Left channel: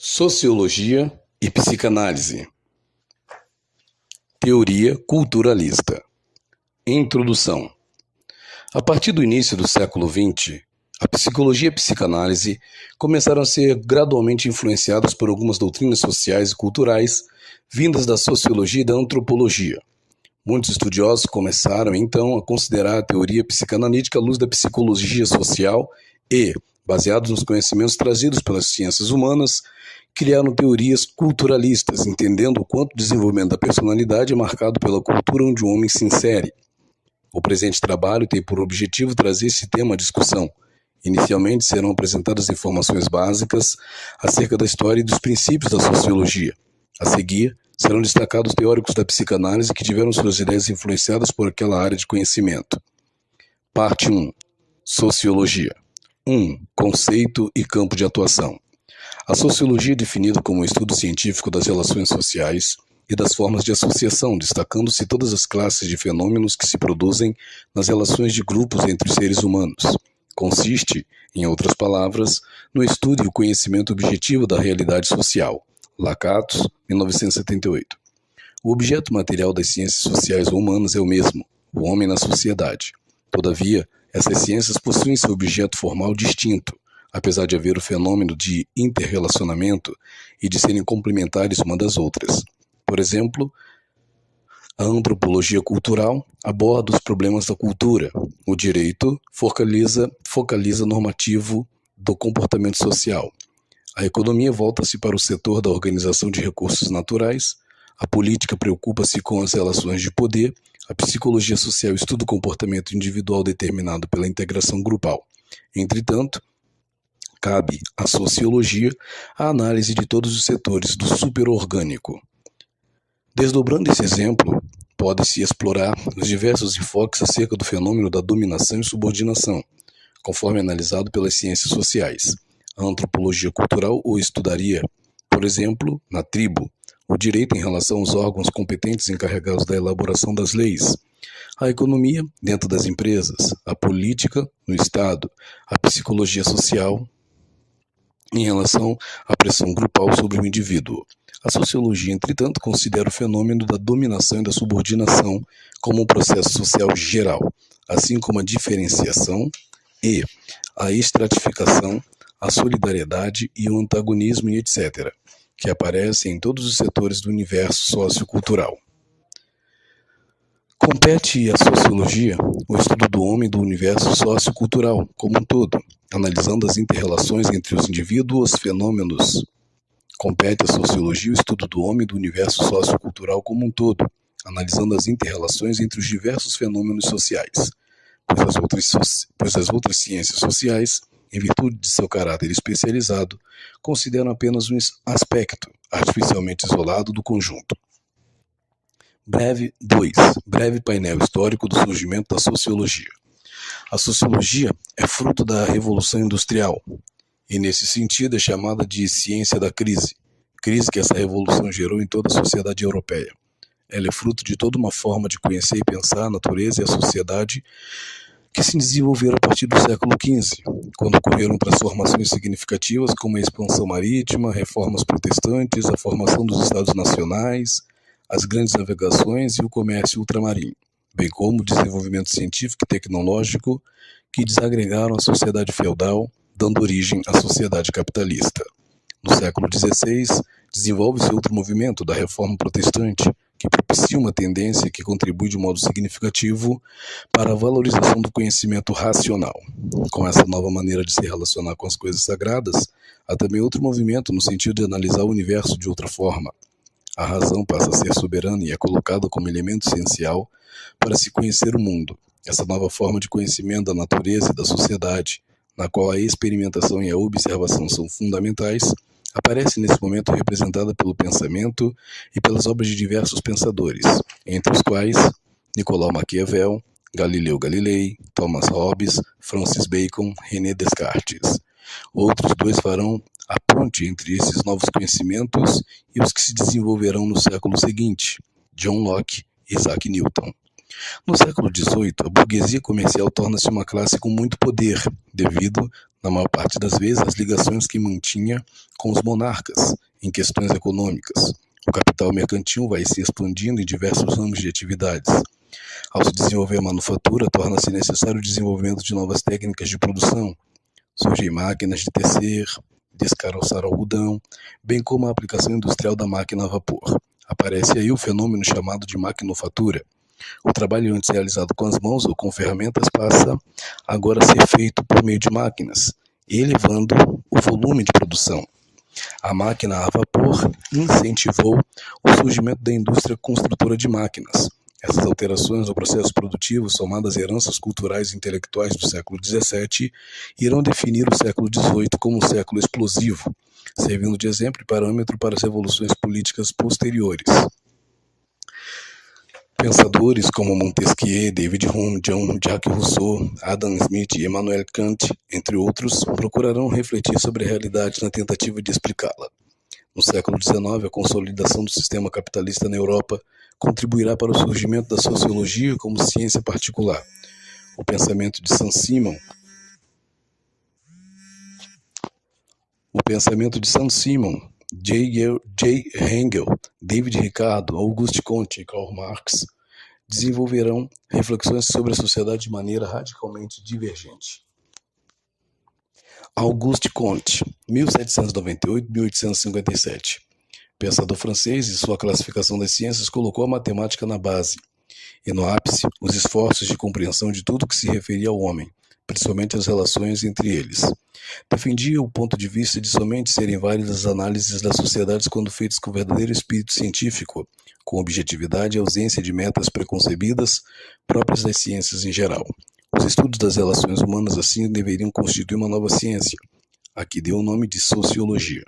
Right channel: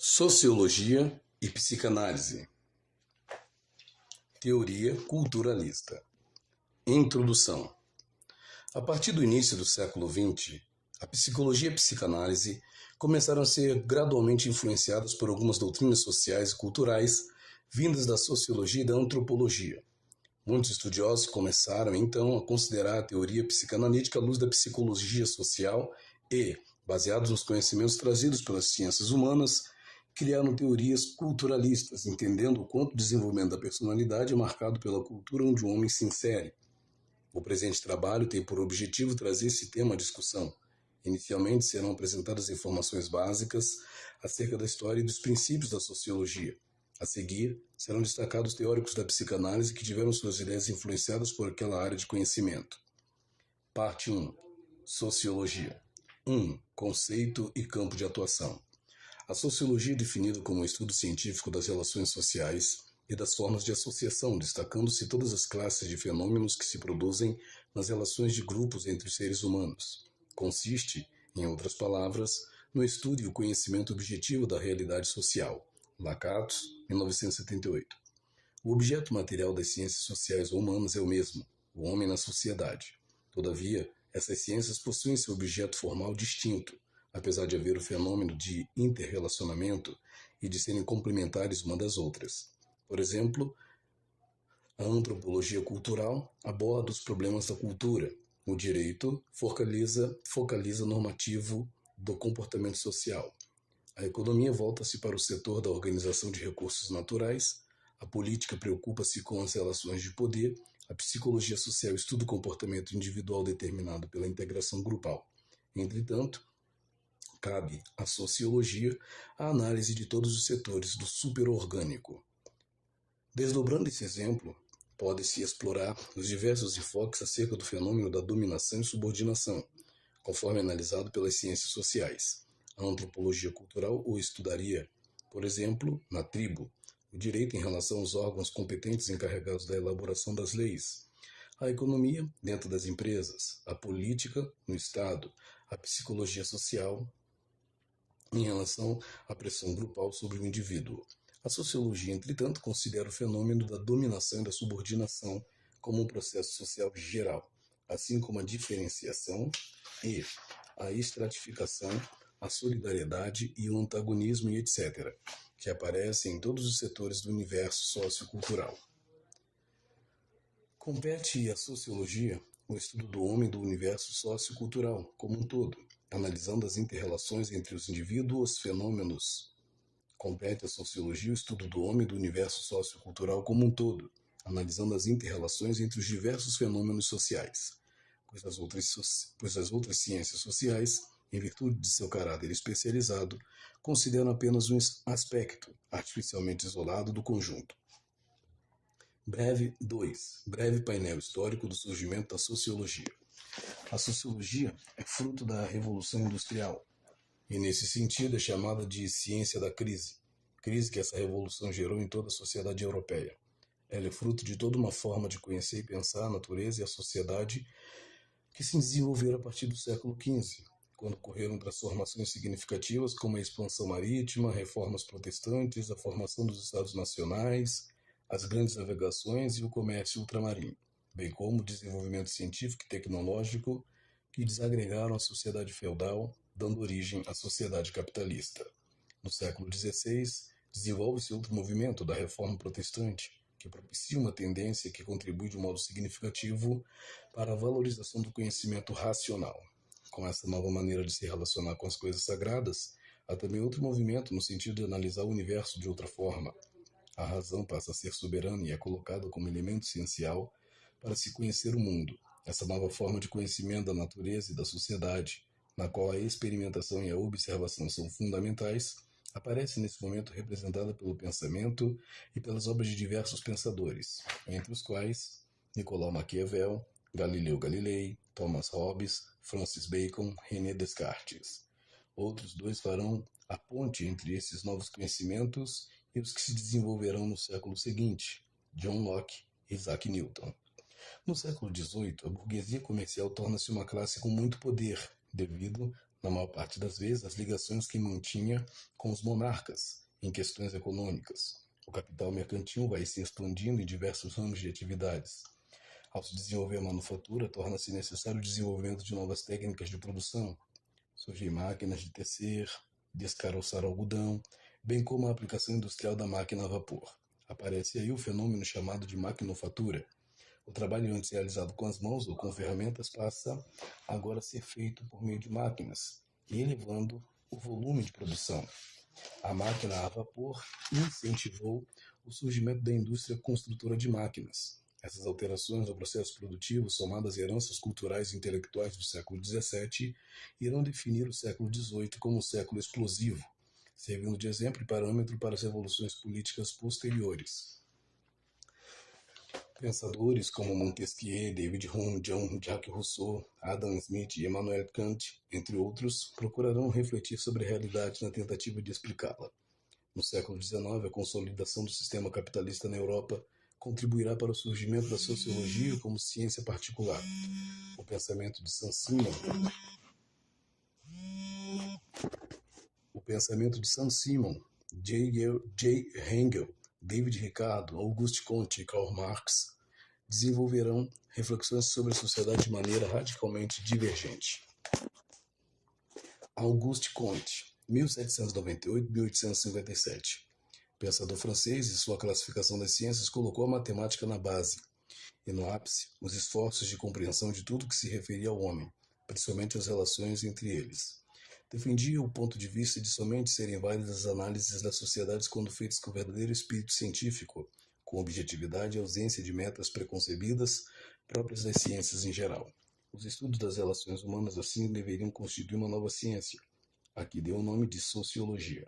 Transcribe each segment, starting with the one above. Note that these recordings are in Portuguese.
Sociologia e psicanálise. Teoria culturalista. Introdução. A partir do início do século XX, a psicologia e a psicanálise começaram a ser gradualmente influenciadas por algumas doutrinas sociais e culturais vindas da sociologia e da antropologia. Muitos estudiosos começaram, então, a considerar a teoria psicanalítica à luz da psicologia social e, baseados nos conhecimentos trazidos pelas ciências humanas, criaram teorias culturalistas, entendendo o quanto o desenvolvimento da personalidade é marcado pela cultura onde o homem se insere. O presente trabalho tem por objetivo trazer esse tema à discussão. Inicialmente serão apresentadas informações básicas acerca da história e dos princípios da sociologia. A seguir, serão destacados teóricos da psicanálise que tiveram suas ideias influenciadas por aquela área de conhecimento. Parte 1. Sociologia. 1. Conceito e campo de atuação. A sociologia é definida como o estudo científico das relações sociais e das formas de associação, destacando-se todas as classes de fenômenos que se produzem nas relações de grupos entre os seres humanos. Consiste, em outras palavras, no estudo e o conhecimento objetivo da realidade social. Lakatos, 1978. O objeto material das ciências sociais ou humanas é o mesmo, o homem na sociedade. Todavia, essas ciências possuem seu objeto formal distinto, apesar de haver o fenômeno de interrelacionamento e de serem complementares uma das outras. Por exemplo, a antropologia cultural aborda os problemas da cultura. O direito focaliza normativo do comportamento social. A economia volta-se para o setor da organização de recursos naturais. A política preocupa-se com as relações de poder. A psicologia social estuda o comportamento individual determinado pela integração grupal. Entretanto, cabe à sociologia a análise de todos os setores do superorgânico. Desdobrando esse exemplo, pode-se explorar os diversos enfoques acerca do fenômeno da dominação e subordinação, conforme analisado pelas ciências sociais. A antropologia cultural o estudaria, por exemplo, na tribo, o direito em relação aos órgãos competentes encarregados da elaboração das leis, a economia dentro das empresas, a política no Estado, a psicologia social em relação à pressão grupal sobre o indivíduo. A sociologia, entretanto, considera o fenômeno da dominação e da subordinação como um processo social geral, assim como a diferenciação e a estratificação, a solidariedade e o antagonismo e etc., que aparecem em todos os setores do universo sociocultural. Compete à sociologia o estudo do homem e do universo sociocultural como um todo, analisando as interrelações entre os indivíduos, fenômenos. Compete à sociologia o estudo do homem e do universo sociocultural como um todo, analisando as interrelações entre os diversos fenômenos sociais, pois as outras ciências sociais, em virtude de seu caráter especializado, consideram apenas um aspecto artificialmente isolado do conjunto. Breve painel histórico do surgimento da sociologia. A sociologia é fruto da Revolução Industrial e, nesse sentido, é chamada de ciência da crise que essa revolução gerou em toda a sociedade europeia. Ela é fruto de toda uma forma de conhecer e pensar a natureza e a sociedade que se desenvolveram a partir do século XV, quando ocorreram transformações significativas como a expansão marítima, reformas protestantes, a formação dos Estados Nacionais, as grandes navegações e o comércio ultramarino, bem como o desenvolvimento científico e tecnológico que desagregaram a sociedade feudal, dando origem à sociedade capitalista. No século XVI, desenvolve-se outro movimento da reforma protestante, que propicia uma tendência que contribui de modo significativo para a valorização do conhecimento racional. Com essa nova maneira de se relacionar com as coisas sagradas, há também outro movimento no sentido de analisar o universo de outra forma. A razão passa a ser soberana e é colocada como elemento essencial para se conhecer o mundo. Essa nova forma de conhecimento da natureza e da sociedade, na qual a experimentação e a observação são fundamentais, aparece nesse momento representada pelo pensamento e pelas obras de diversos pensadores, entre os quais Nicolau Maquiavel, Galileu Galilei, Thomas Hobbes, Francis Bacon, René Descartes. Outros dois farão a ponte entre esses novos conhecimentos e os que se desenvolverão no século seguinte, John Locke e Isaac Newton. No século XVIII, a burguesia comercial torna-se uma classe com muito poder, devido, na maior parte das vezes, as ligações que mantinha com os monarcas em questões econômicas. O capital mercantil vai se expandindo em diversos ramos de atividades. Ao se desenvolver a manufatura, torna-se necessário o desenvolvimento de novas técnicas de produção. Surgem máquinas de tecer, descaroçar algodão, bem como a aplicação industrial da máquina a vapor. Aparece aí o fenômeno chamado de maquinofatura. O trabalho antes realizado com as mãos ou com ferramentas passa agora a ser feito por meio de máquinas, elevando o volume de produção. A máquina a vapor incentivou o surgimento da indústria construtora de máquinas. Essas alterações no processo produtivo, somadas a heranças culturais e intelectuais do século XVII, irão definir o século XVIII como um século explosivo, servindo de exemplo e parâmetro para as revoluções políticas posteriores. Pensadores como Montesquieu, David Hume, Jean-Jacques Rousseau, Adam Smith e Immanuel Kant, entre outros, procurarão refletir sobre a realidade na tentativa de explicá-la. No século XIX, a consolidação do sistema capitalista na Europa contribuirá para o surgimento da sociologia como ciência particular. O pensamento de Saint-Simon, J. Engel, David Ricardo, Auguste Comte e Karl Marx desenvolverão reflexões sobre a sociedade de maneira radicalmente divergente. Auguste Comte, 1798-1857. Pensador francês, e sua classificação das ciências colocou a matemática na base e no ápice os esforços de compreensão de tudo que se referia ao homem, principalmente as relações entre eles. Defendia o ponto de vista de somente serem válidas as análises das sociedades quando feitas com verdadeiro espírito científico, com objetividade e ausência de metas preconcebidas próprias das ciências em geral. Os estudos das relações humanas assim deveriam constituir uma nova ciência, a que deu o nome de sociologia.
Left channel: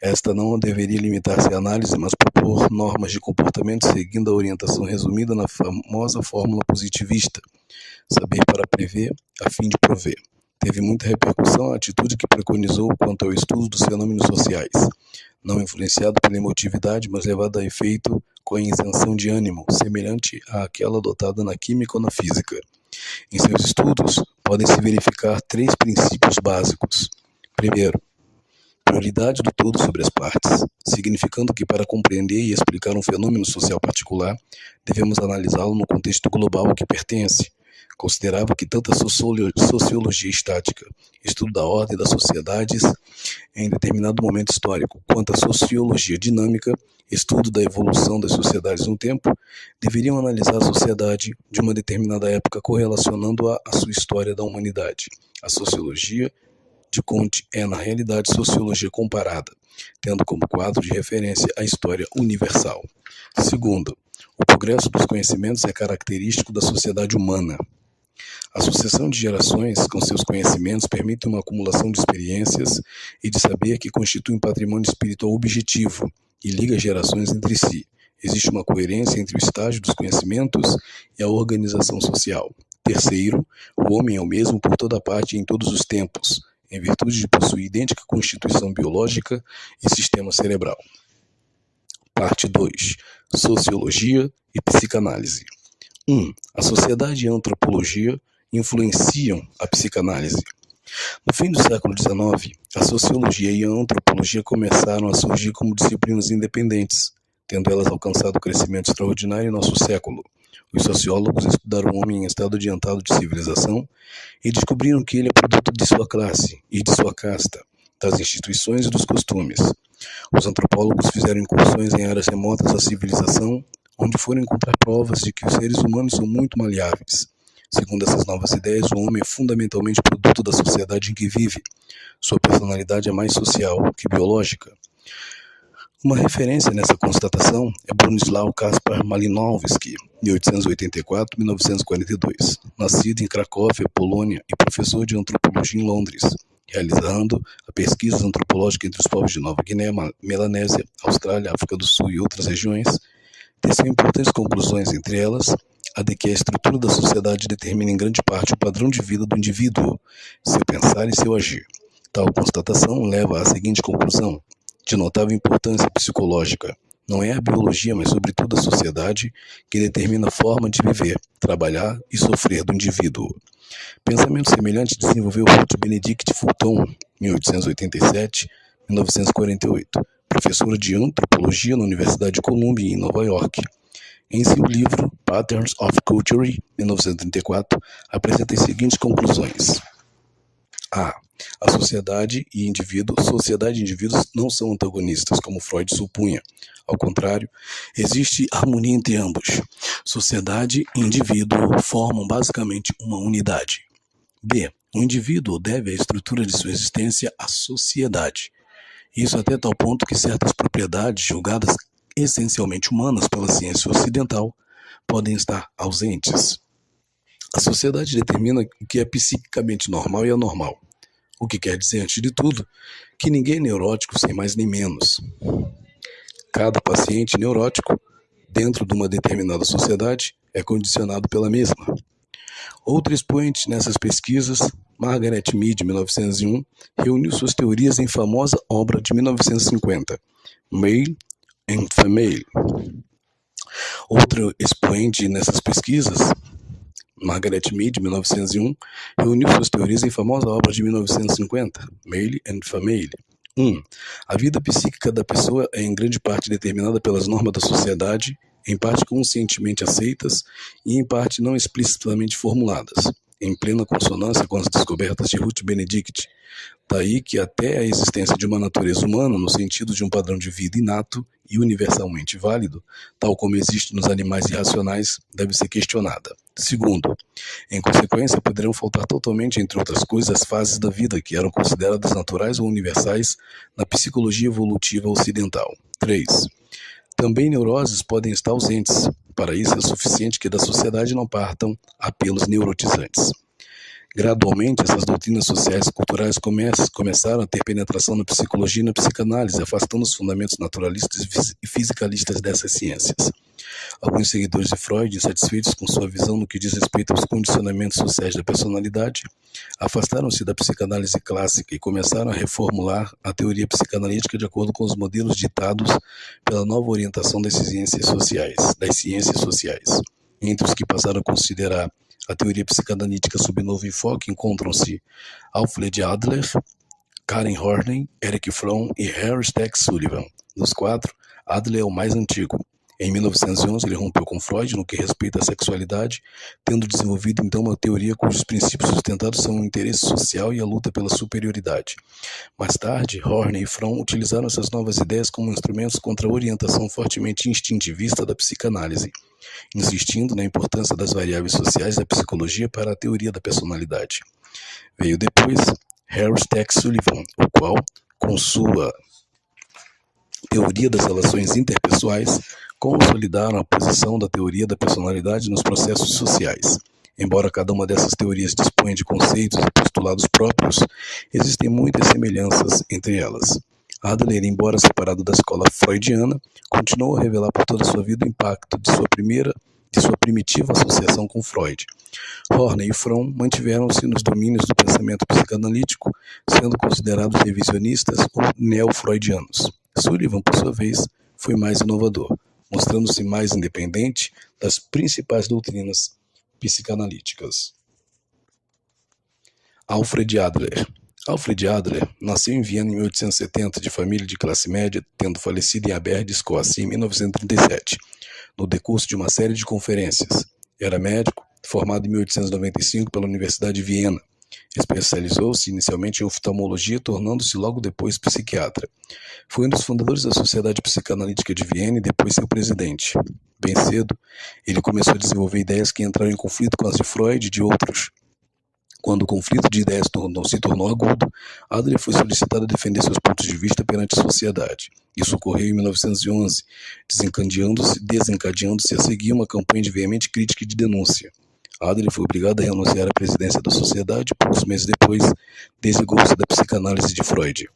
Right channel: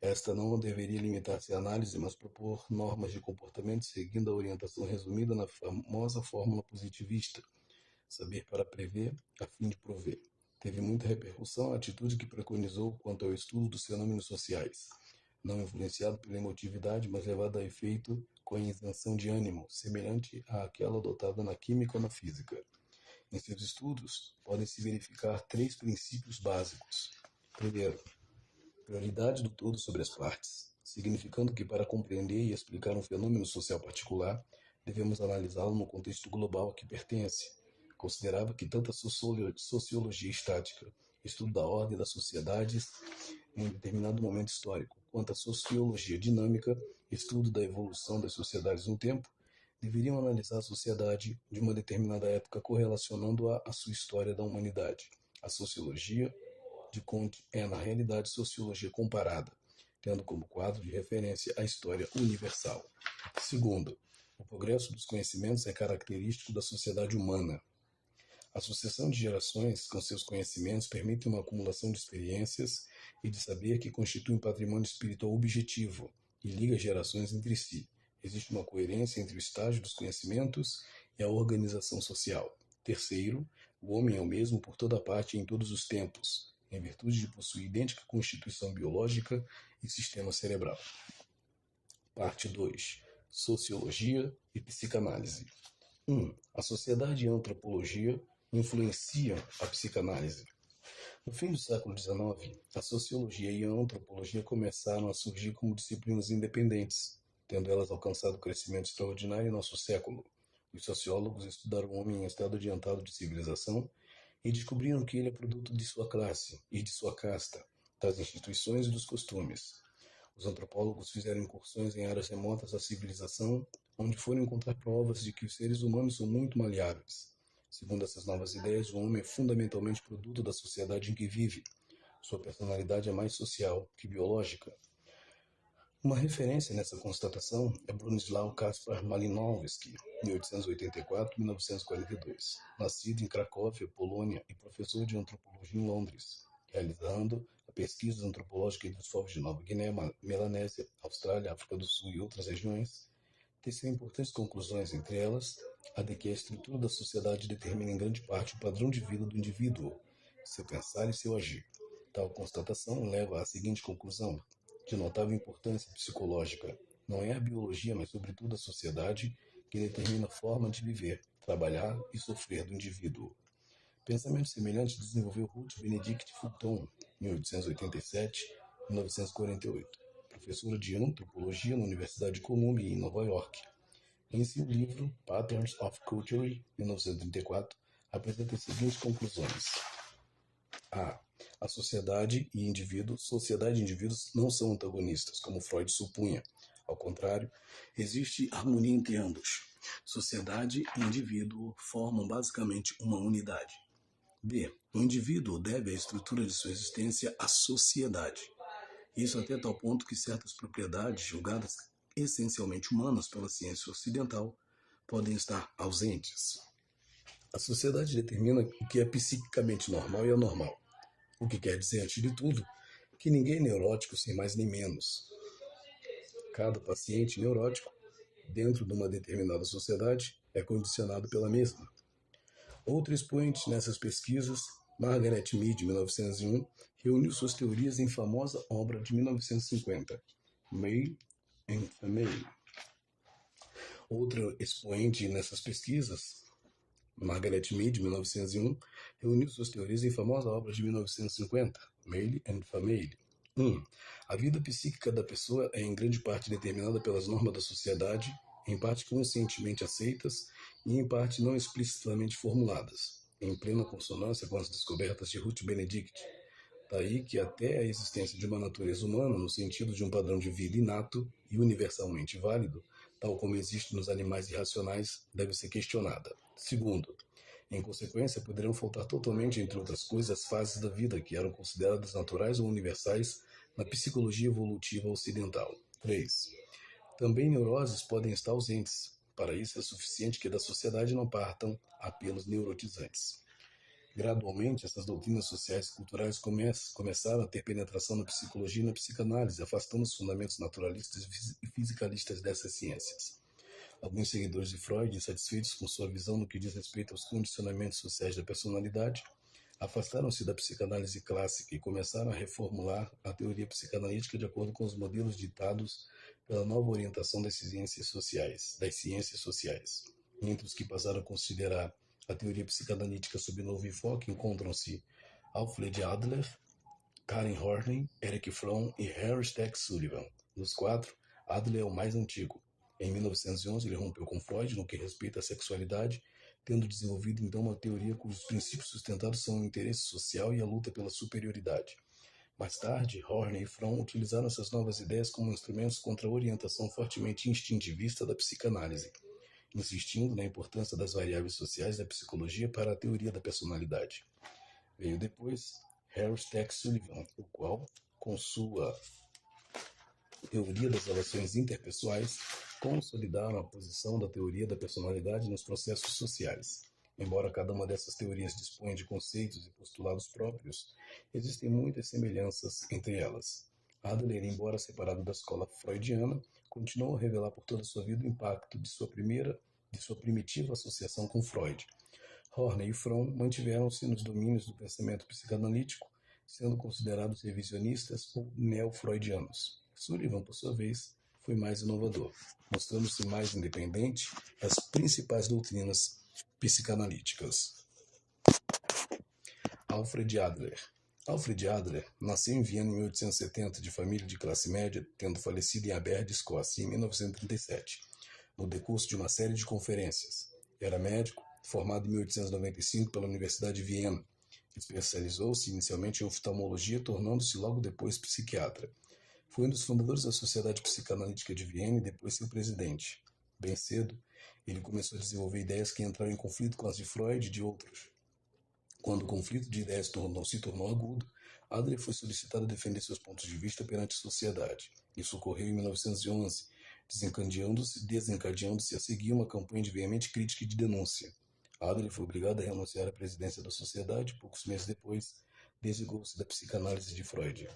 Esta não deveria limitar-se à análise, mas propor normas de comportamento seguindo a orientação resumida na famosa fórmula positivista, saber para prever, a fim de prover. Teve muita repercussão a atitude que preconizou quanto ao estudo dos fenômenos sociais, não influenciado pela emotividade, mas levado a efeito com a isenção de ânimo, semelhante àquela adotada na química ou na física. Em seus estudos, podem-se verificar 3 princípios básicos. Primeiro, prioridade do todo sobre as partes, significando que para compreender e explicar um fenômeno social particular, devemos analisá-lo no contexto global a que pertence. Considerava que tanto a sociologia estática, estudo da ordem das sociedades em determinado momento histórico, quanto a sociologia dinâmica, estudo da evolução das sociedades no tempo, deveriam analisar a sociedade de uma determinada época correlacionando-a à sua história da humanidade. A sociologia de Comte é, na realidade, sociologia comparada, tendo como quadro de referência a história universal. Segundo, o progresso dos conhecimentos é característico da sociedade humana. A sucessão de gerações com seus conhecimentos permite uma acumulação de experiências e de saber que constitui um patrimônio espiritual objetivo e liga gerações entre si. Existe uma coerência entre o estágio dos conhecimentos e a organização social. Terceiro, o homem é o mesmo por toda parte e em todos os tempos, em virtude de possuir idêntica constituição biológica e sistema cerebral. Parte 2. Sociologia e psicanálise. 1. A sociedade e a antropologia influenciam a psicanálise. No fim do século XIX, a sociologia e a antropologia começaram a surgir como disciplinas independentes, tendo elas alcançado crescimento extraordinário em nosso século. Os sociólogos estudaram o homem em estado adiantado de civilização e descobriram que ele é produto de sua classe e de sua casta, das instituições e dos costumes. Os antropólogos fizeram incursões em áreas remotas da civilização, onde foram encontrar provas de que os seres humanos são muito maleáveis. Segundo essas novas ideias, o homem é fundamentalmente produto da sociedade em que vive. Sua personalidade é mais social que biológica. Uma referência nessa constatação é Bronisław Kaspar Malinowski, 1884-1942, nascido em Cracóvia, Polônia, e professor de antropologia em Londres, realizando a pesquisa antropológica entre os povos de Nova Guiné, Melanésia, Austrália, África do Sul e outras regiões. Teceu importantes conclusões, entre elas a de que a estrutura da sociedade determina em grande parte o padrão de vida do indivíduo, seu pensar e seu agir. Tal constatação leva à seguinte conclusão: de notável importância psicológica, Não é a biologia, mas sobretudo a sociedade, que determina a forma de viver, trabalhar e sofrer do indivíduo. Pensamento semelhante desenvolveu Ruth Benedict Fulton, 1887-1948, professora de antropologia na Universidade de Columbia, em Nova York. Em seu livro Patterns of Culture, 1934, apresenta as seguintes conclusões. A sociedade e indivíduos não são antagonistas, como Freud supunha. Ao contrário, existe harmonia entre ambos. Sociedade e indivíduo formam basicamente uma unidade. B. O indivíduo deve a estrutura de sua existência à sociedade. Isso até tal ponto que certas propriedades julgadas essencialmente humanas pela ciência ocidental podem estar ausentes. A sociedade determina o que é psiquicamente normal e anormal. O que quer dizer, antes de tudo, que ninguém é neurótico sem mais nem menos. Cada paciente neurótico, dentro de uma determinada sociedade, é condicionado pela mesma. Outro expoente nessas pesquisas, Margaret Mead, 1901, reuniu suas teorias em famosa obra de 1950, Male and Female. Outro expoente nessas pesquisas, Margaret Mead, 1901, reuniu suas teorias em famosa obra de 1950, Male and Female. 1. A vida psíquica da pessoa é em grande parte determinada pelas normas da sociedade, em parte conscientemente aceitas e em parte não explicitamente formuladas, em plena consonância com as descobertas de Ruth Benedict. Daí que até a existência de uma natureza humana, no sentido de um padrão de vida inato e universalmente válido, tal como existe nos animais irracionais, deve ser questionada. Segundo, em consequência, poderão faltar totalmente, entre outras coisas, as fases da vida que eram consideradas naturais ou universais na psicologia evolutiva ocidental. 3. Também neuroses podem estar ausentes. Para isso é suficiente que da sociedade não partam apelos neurotizantes. Gradualmente, essas doutrinas sociais e culturais começaram a ter penetração na psicologia e na psicanálise, afastando os fundamentos naturalistas e fisicalistas dessas ciências. Alguns seguidores de Freud, insatisfeitos com sua visão no que diz respeito aos condicionamentos sociais da personalidade, afastaram-se da psicanálise clássica e começaram a reformular a teoria psicanalítica de acordo com os modelos ditados pela nova orientação das ciências sociais. Entre os que passaram a considerar a teoria psicanalítica sob novo enfoque encontram-se Alfred Adler, Karen Horney, Eric Fromm e Harry Stack Sullivan. Dos quatro, Adler é o mais antigo. Em 1911, ele rompeu com Freud no que respeita à sexualidade, tendo desenvolvido então uma teoria cujos princípios sustentados são o interesse social e a luta pela superioridade. Mais tarde, Horney e Fromm utilizaram essas novas ideias como instrumentos contra a orientação fortemente instintivista da psicanálise, insistindo na importância das variáveis sociais da psicologia para a teoria da personalidade. Veio depois Harry Stack Sullivan, o qual, com sua teoria das relações interpessoais, consolidaram a posição da teoria da personalidade nos processos sociais. Embora cada uma dessas teorias disponha de conceitos e postulados próprios, existem muitas semelhanças entre elas. Adler, embora separado da escola freudiana, continuou a revelar por toda a sua vida o impacto de sua primitiva associação com Freud. Horney e Fromm mantiveram-se nos domínios do pensamento psicanalítico, sendo considerados revisionistas ou neo-freudianos. Sullivan, por sua vez, foi mais inovador, mostrando-se mais independente das principais doutrinas psicanalíticas. Alfred Adler. Alfred Adler nasceu em Viena em 1870, de família de classe média, tendo falecido em Aberdeen, Escócia, em 1937, no decurso de uma série de conferências. Era médico, formado em 1895 pela Universidade de Viena. Especializou-se inicialmente em oftalmologia, tornando-se logo depois psiquiatra. Foi um dos fundadores da Sociedade Psicanalítica de Viena e depois seu presidente. Bem cedo, ele começou a desenvolver ideias que entraram em conflito com as de Freud e de outros. Quando o conflito de ideias se tornou agudo, Adler foi solicitado a defender seus pontos de vista perante a sociedade. Isso ocorreu em 1911, desencadeando-se a seguir uma campanha de veemente crítica e de denúncia. Adler foi obrigado a renunciar à presidência da sociedade e, poucos meses depois, desligou-se da psicanálise de Freud.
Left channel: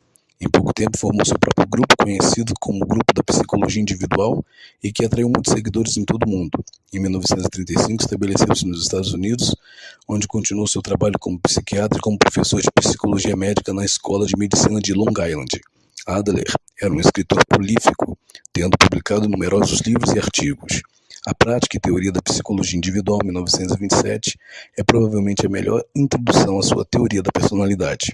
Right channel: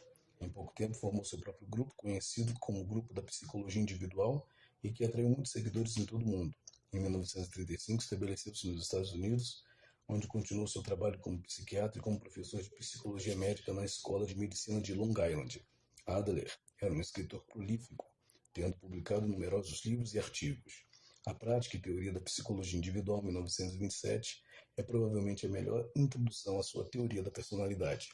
Em pouco tempo, formou seu próprio grupo, conhecido como Grupo da Psicologia Individual, e que atraiu muitos seguidores em todo o mundo. Em 1935, estabeleceu-se nos Estados Unidos, onde continuou seu trabalho como psiquiatra e como professor de psicologia médica na Escola de Medicina de Long Island. Adler Era um escritor prolífico, tendo publicado numerosos livros e artigos. A Prática e Teoria da Psicologia Individual, 1927, é provavelmente a melhor introdução à sua teoria da personalidade.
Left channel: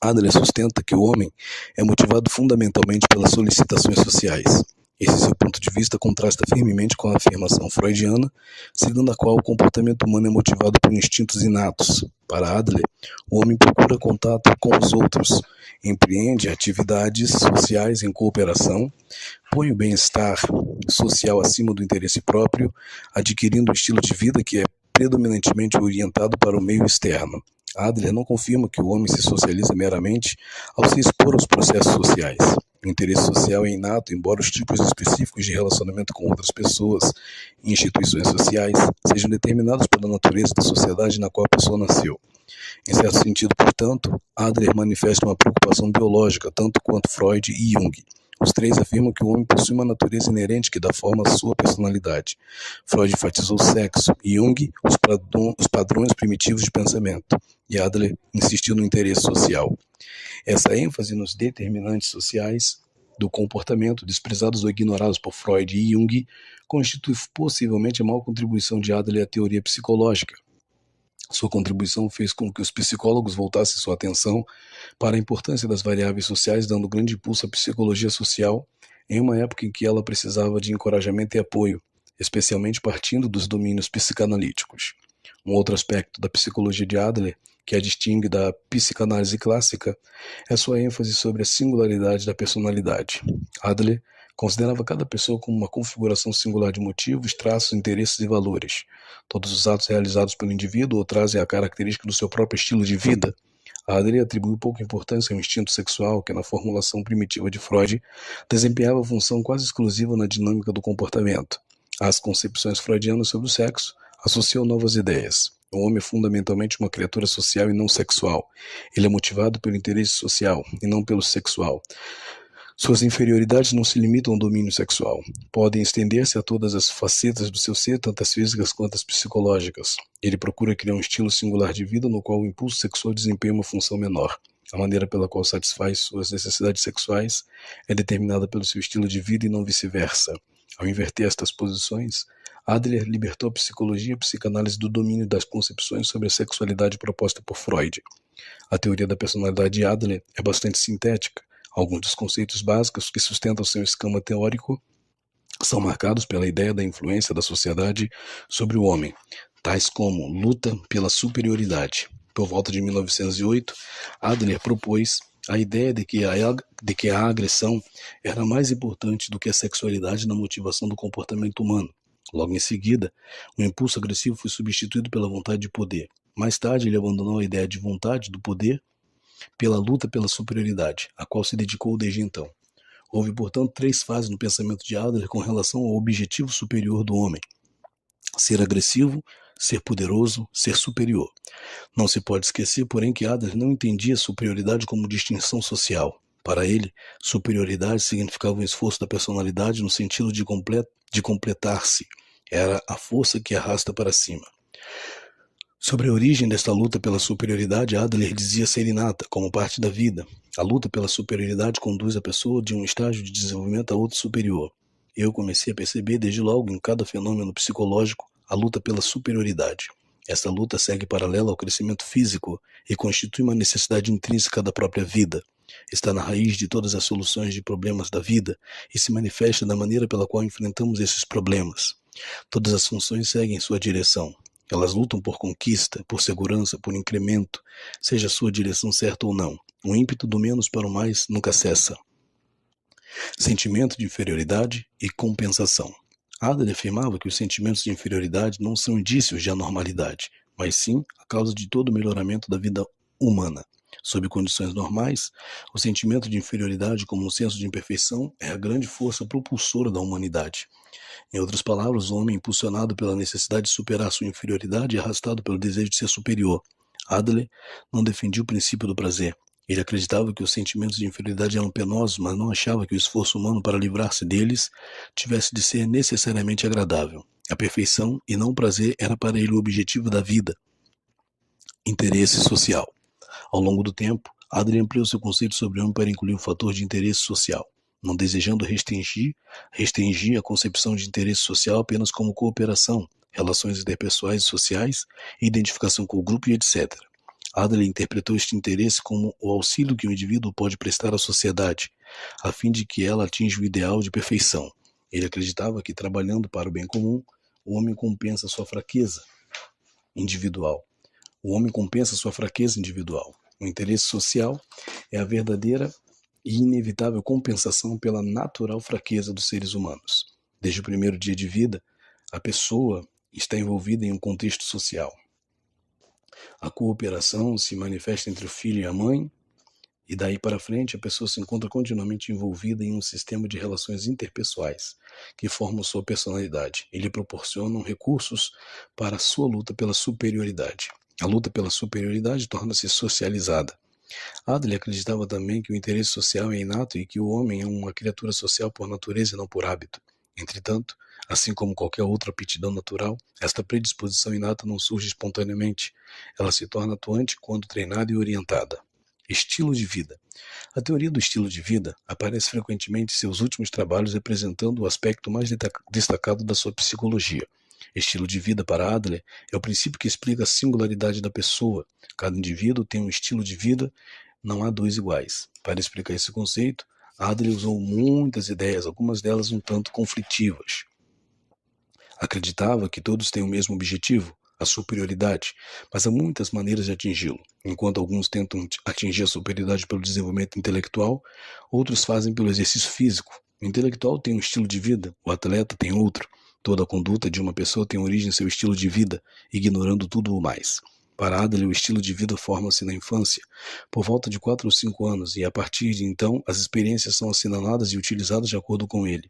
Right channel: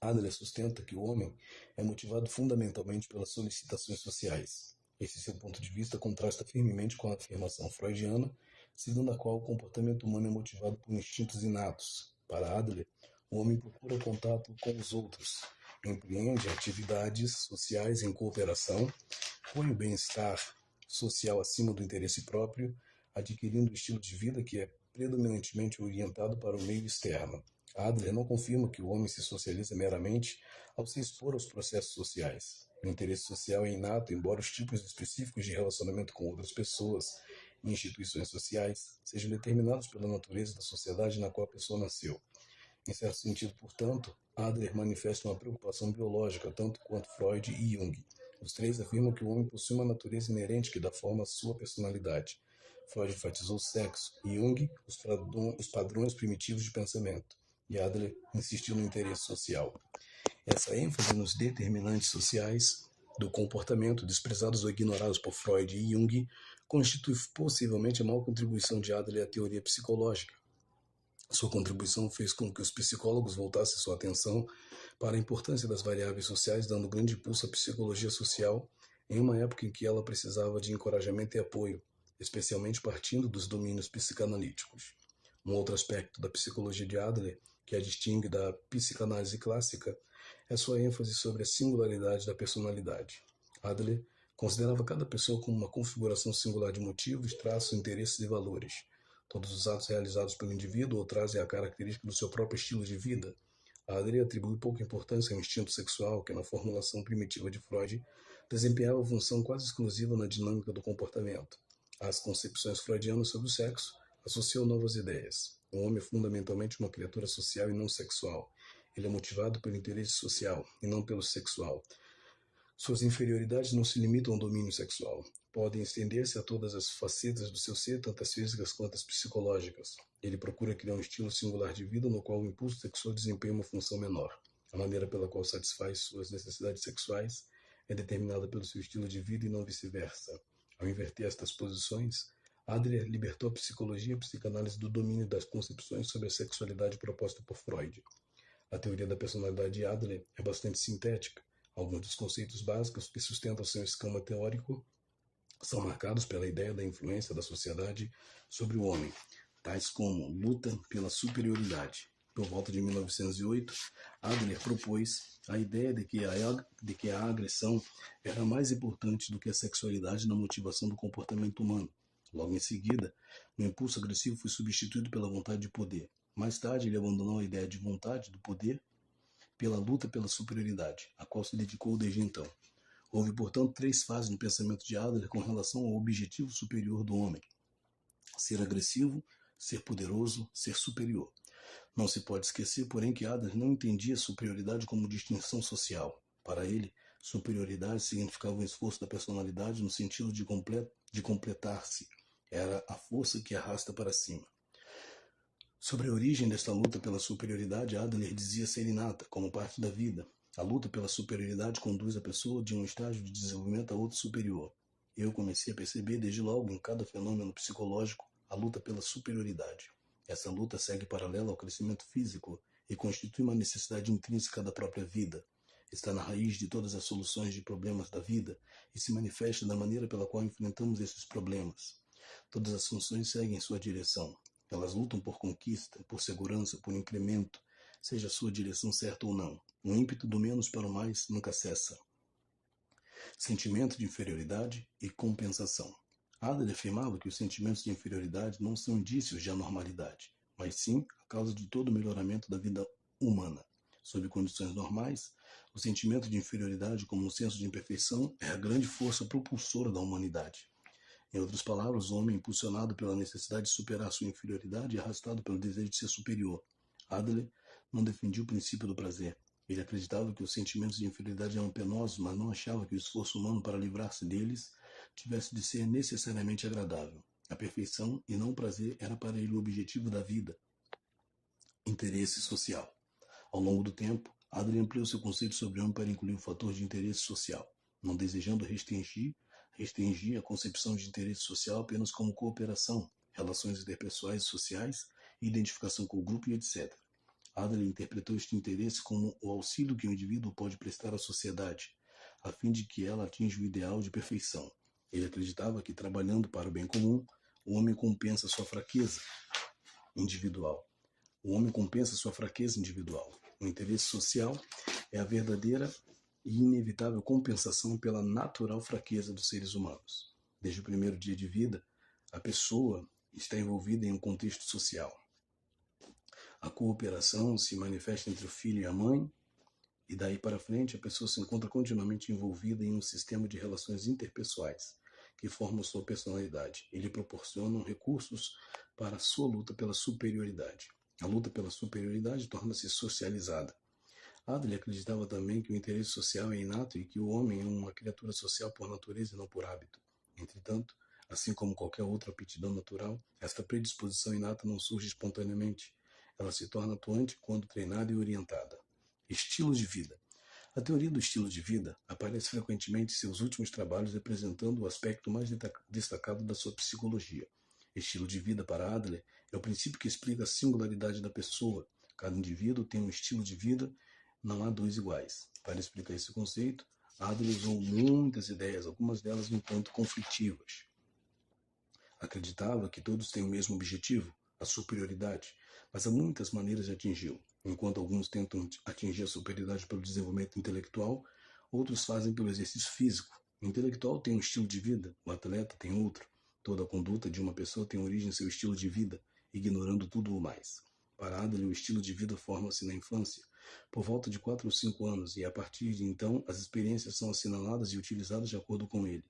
Adler sustenta que o homem é motivado fundamentalmente pelas solicitações sociais. Esse seu ponto de vista contrasta firmemente com a afirmação freudiana, segundo a qual o comportamento humano é motivado por instintos inatos. Para Adler, o homem procura contato com os outros, empreende atividades sociais em cooperação, põe o bem-estar social acima do interesse próprio, adquirindo um estilo de vida que é predominantemente orientado para o meio externo. Adler não confirma que o homem se socializa meramente ao se expor aos processos sociais. O interesse social é inato, embora os tipos específicos de relacionamento com outras pessoas e instituições sociais sejam determinados pela natureza da sociedade na qual a pessoa nasceu. Em certo sentido, portanto, Adler manifesta uma preocupação biológica, tanto quanto Freud e Jung. Os três afirmam que o homem possui uma natureza inerente que dá forma à sua personalidade. Freud enfatizou o sexo e Jung os padrões primitivos de pensamento. E Adler insistiu no interesse social. Essa ênfase nos determinantes sociais do comportamento, desprezados ou ignorados por Freud e Jung, constitui possivelmente a maior contribuição de Adler à teoria psicológica. Sua contribuição fez com que os psicólogos voltassem sua atenção para a importância das variáveis sociais, dando grande impulso à psicologia social em uma época em que ela precisava de encorajamento e apoio, especialmente partindo dos domínios psicanalíticos. Um outro aspecto da psicologia de Adler, que a distingue da psicanálise clássica, é sua ênfase sobre a singularidade da personalidade. Adler considerava cada pessoa como uma configuração singular de motivos, traços, interesses e valores. Todos os atos realizados pelo indivíduo trazem a característica do seu próprio estilo de vida. Adler atribuiu pouca importância ao instinto sexual, que na formulação primitiva de Freud desempenhava função quase exclusiva na dinâmica do comportamento. As concepções freudianas sobre o sexo associam novas ideias. O homem é fundamentalmente uma criatura social e não sexual. Ele é motivado pelo interesse social e não pelo sexual. Suas inferioridades não se limitam ao domínio sexual. Podem estender-se a todas as facetas do seu ser, tanto as físicas quanto as psicológicas. Ele procura criar um estilo singular de vida no qual o impulso sexual desempenha uma função menor. A maneira pela qual satisfaz suas necessidades sexuais é determinada pelo seu estilo de vida e não vice-versa. Ao inverter estas posições, Adler libertou a psicologia e a psicanálise do domínio das concepções sobre a sexualidade proposta por Freud. A teoria da personalidade de Adler é bastante sintética. Alguns dos conceitos básicos que sustentam seu esquema teórico são marcados pela ideia da influência da sociedade sobre o homem, tais como luta pela superioridade. Por volta de 1908, Adler propôs a ideia de que a agressão era mais importante do que a sexualidade na motivação do comportamento humano. Logo em seguida, o impulso agressivo foi substituído pela vontade de poder. Mais tarde, ele abandonou a ideia de vontade do poder pela luta pela superioridade, a qual se dedicou desde então. Houve, portanto, três fases no pensamento de Adler com relação ao objetivo superior do homem: ser agressivo, ser poderoso, ser superior. Não se pode esquecer, porém, que Adler não entendia superioridade como distinção social. Para ele, superioridade significava um esforço da personalidade no sentido de completar-se. Era a força que arrasta para cima. Sobre a origem desta luta pela superioridade, Adler dizia ser inata, como parte da vida. A luta pela superioridade conduz a pessoa de um estágio de desenvolvimento a outro superior. Eu comecei a perceber desde logo em cada fenômeno psicológico a luta pela superioridade. Esta luta segue paralela ao crescimento físico e constitui uma necessidade intrínseca da própria vida. Está na raiz de todas as soluções de problemas da vida e se manifesta da maneira pela qual enfrentamos esses problemas. Todas as funções seguem sua direção. Elas lutam por conquista, por segurança, por incremento, seja a sua direção certa ou não. O ímpeto do menos para o mais nunca cessa. Sentimento de inferioridade e compensação. Adler afirmava que os sentimentos de inferioridade não são indícios de anormalidade, mas sim a causa de todo o melhoramento da vida humana. Sob condições normais, o sentimento de inferioridade, como um senso de imperfeição, é a grande força propulsora da humanidade. Em outras palavras, o homem, impulsionado pela necessidade de superar sua inferioridade, é arrastado pelo desejo de ser superior. Adler não defendia o princípio do prazer. Ele acreditava que os sentimentos de inferioridade eram penosos, mas não achava que o esforço humano para livrar-se deles tivesse de ser necessariamente agradável. A perfeição e não o prazer era para ele o objetivo da vida. Interesse social. Ao longo do tempo, Adler ampliou seu conceito sobre o homem para incluir o fator de interesse social, não desejando restringir a concepção de interesse social apenas como cooperação, relações interpessoais e sociais, identificação com o grupo e etc. Adler interpretou este interesse como o auxílio que o indivíduo pode prestar à sociedade, a fim de que ela atinja o ideal de perfeição. Ele acreditava que, trabalhando para o bem comum, o homem compensa sua fraqueza individual. O homem compensa sua fraqueza individual. O interesse social é a verdadeira e inevitável compensação pela natural fraqueza dos seres humanos. Desde o primeiro dia de vida, a pessoa está envolvida em um contexto social. A cooperação se manifesta entre o filho e a mãe, e daí para frente a pessoa se encontra continuamente envolvida em um sistema de relações interpessoais que formam sua personalidade e lhe proporcionam recursos para a sua luta pela superioridade. A luta pela superioridade torna-se socializada. Adler acreditava também que o interesse social é inato e que o homem é uma criatura social por natureza e não por hábito. Entretanto, assim como qualquer outra aptidão natural, esta predisposição inata não surge espontaneamente. Ela se torna atuante quando treinada e orientada. Estilo de vida. A teoria do estilo de vida aparece frequentemente em seus últimos trabalhos representando o aspecto mais destacado da sua psicologia. Estilo de vida para Adler é o princípio que explica a singularidade da pessoa. Cada indivíduo tem um estilo de vida, não há dois iguais. Para explicar esse conceito, Adler usou muitas ideias, algumas delas um tanto conflitivas. Acreditava que todos têm o mesmo objetivo, a superioridade, mas há muitas maneiras de atingi-lo. Enquanto alguns tentam atingir a superioridade pelo desenvolvimento intelectual, outros fazem pelo exercício físico. O intelectual tem um estilo de vida, o atleta tem outro. Toda a conduta de uma pessoa tem origem em seu estilo de vida, ignorando tudo o mais. Para Adler, o estilo de vida forma-se na infância, por volta de 4 ou 5 anos, e a partir de então as experiências são assinaladas e utilizadas de acordo com ele.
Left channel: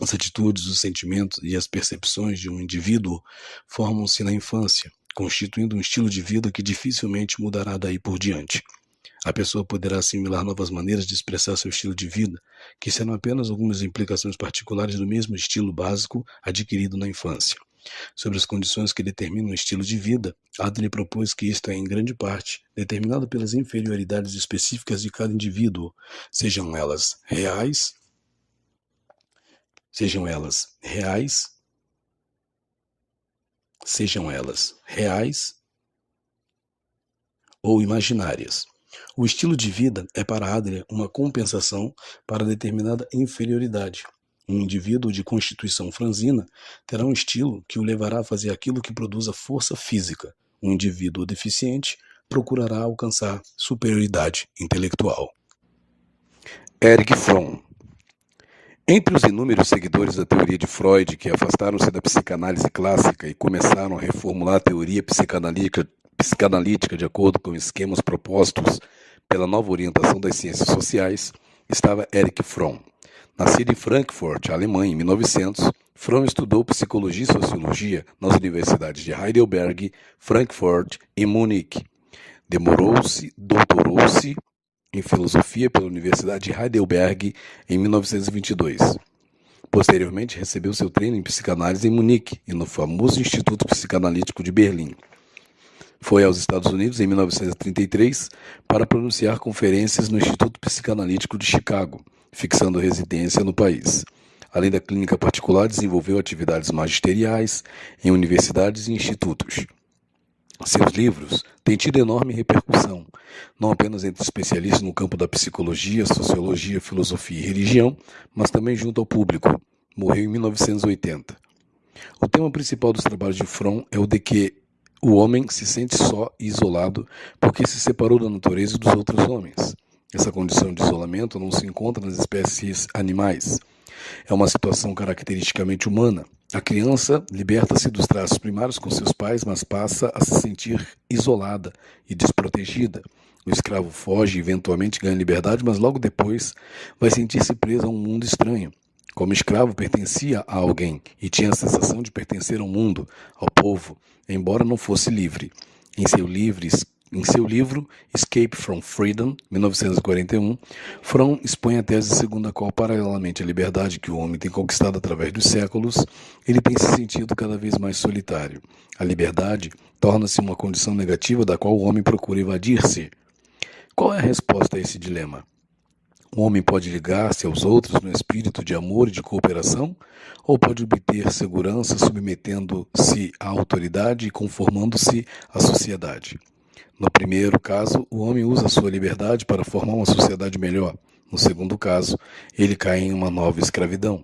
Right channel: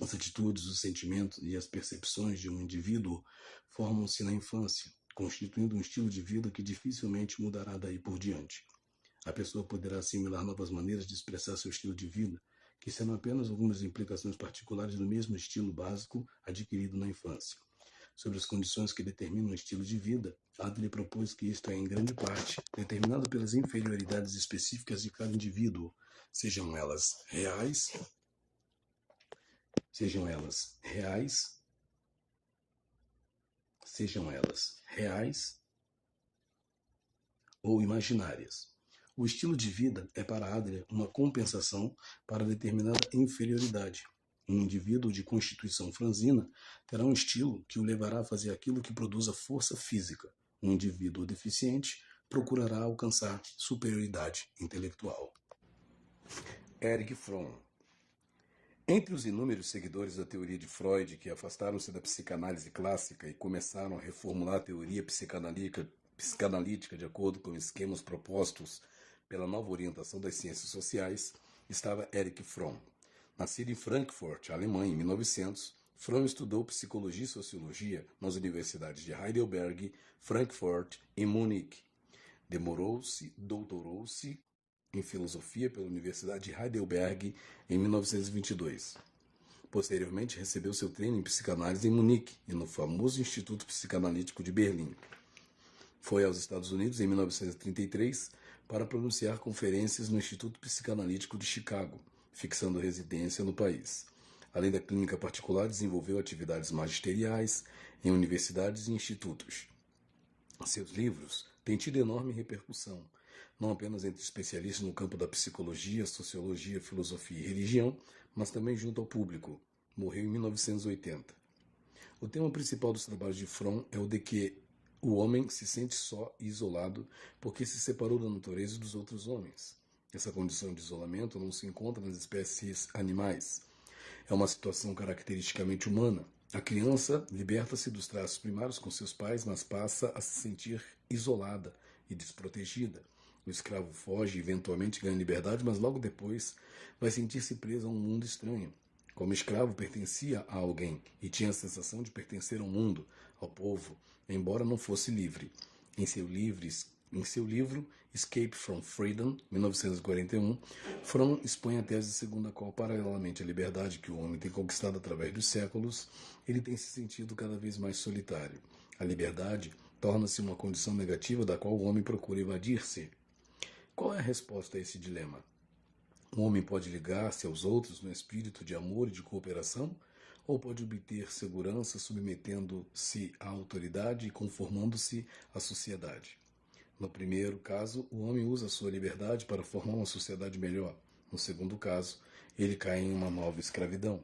As atitudes, os sentimentos e as percepções de um indivíduo formam-se na infância, constituindo um estilo de vida que dificilmente mudará daí por diante. A pessoa poderá assimilar novas maneiras de expressar seu estilo de vida, que serão apenas algumas implicações particulares do mesmo estilo básico adquirido na infância. Sobre as condições que determinam o estilo de vida, Adler propôs que isto é, em grande parte, determinado pelas inferioridades específicas de cada indivíduo, sejam elas reais ou imaginárias. O estilo de vida é para Adler uma compensação para determinada inferioridade. Um indivíduo de constituição franzina terá um estilo que o levará a fazer aquilo que produza força física. Um indivíduo deficiente procurará alcançar superioridade intelectual. Erich Fromm. Entre os inúmeros seguidores da teoria de Freud que afastaram-se da psicanálise clássica e começaram a reformular a teoria psicanalítica de acordo com esquemas propostos pela nova orientação das ciências sociais, estava Erich Fromm. Nascido em Frankfurt, Alemanha, em 1900, Fromm estudou psicologia e sociologia nas universidades de Heidelberg, Frankfurt e Munique. Doutorou-se em filosofia pela Universidade de Heidelberg em 1922. Posteriormente, recebeu seu treino em psicanálise em Munique e no famoso Instituto Psicanalítico de Berlim. Foi aos Estados Unidos em 1933 para pronunciar conferências no Instituto Psicanalítico de Chicago, fixando residência no país. Além da clínica particular, desenvolveu atividades magisteriais em universidades e institutos. Seus livros têm tido enorme repercussão, não apenas entre especialistas no campo da psicologia, sociologia, filosofia e religião, mas também junto ao público. Morreu em 1980. O tema principal dos trabalhos de Fromm é o de que o homem se sente só e isolado porque se separou da natureza e dos outros homens. Essa condição de isolamento não se encontra nas espécies animais. É uma situação caracteristicamente humana. A criança liberta-se dos traços primários com seus pais, mas passa a se sentir isolada e desprotegida. O escravo foge e eventualmente ganha liberdade, mas logo depois vai sentir-se preso a um mundo estranho. Como escravo, pertencia a alguém e tinha a sensação de pertencer ao mundo, ao povo, embora não fosse livre. Em seu livro Escape from Freedom, 1941, Fromm expõe a tese segundo a qual, paralelamente à liberdade que o homem tem conquistado através dos séculos, ele tem se sentido cada vez mais solitário. A liberdade torna-se uma condição negativa da qual o homem procura evadir-se. Qual é a resposta a esse dilema? O homem pode ligar-se aos outros no espírito de amor e de cooperação, ou pode obter segurança submetendo-se à autoridade e conformando-se à sociedade? No primeiro caso, o homem usa sua liberdade para formar uma sociedade melhor. No segundo caso, ele cai em uma nova escravidão.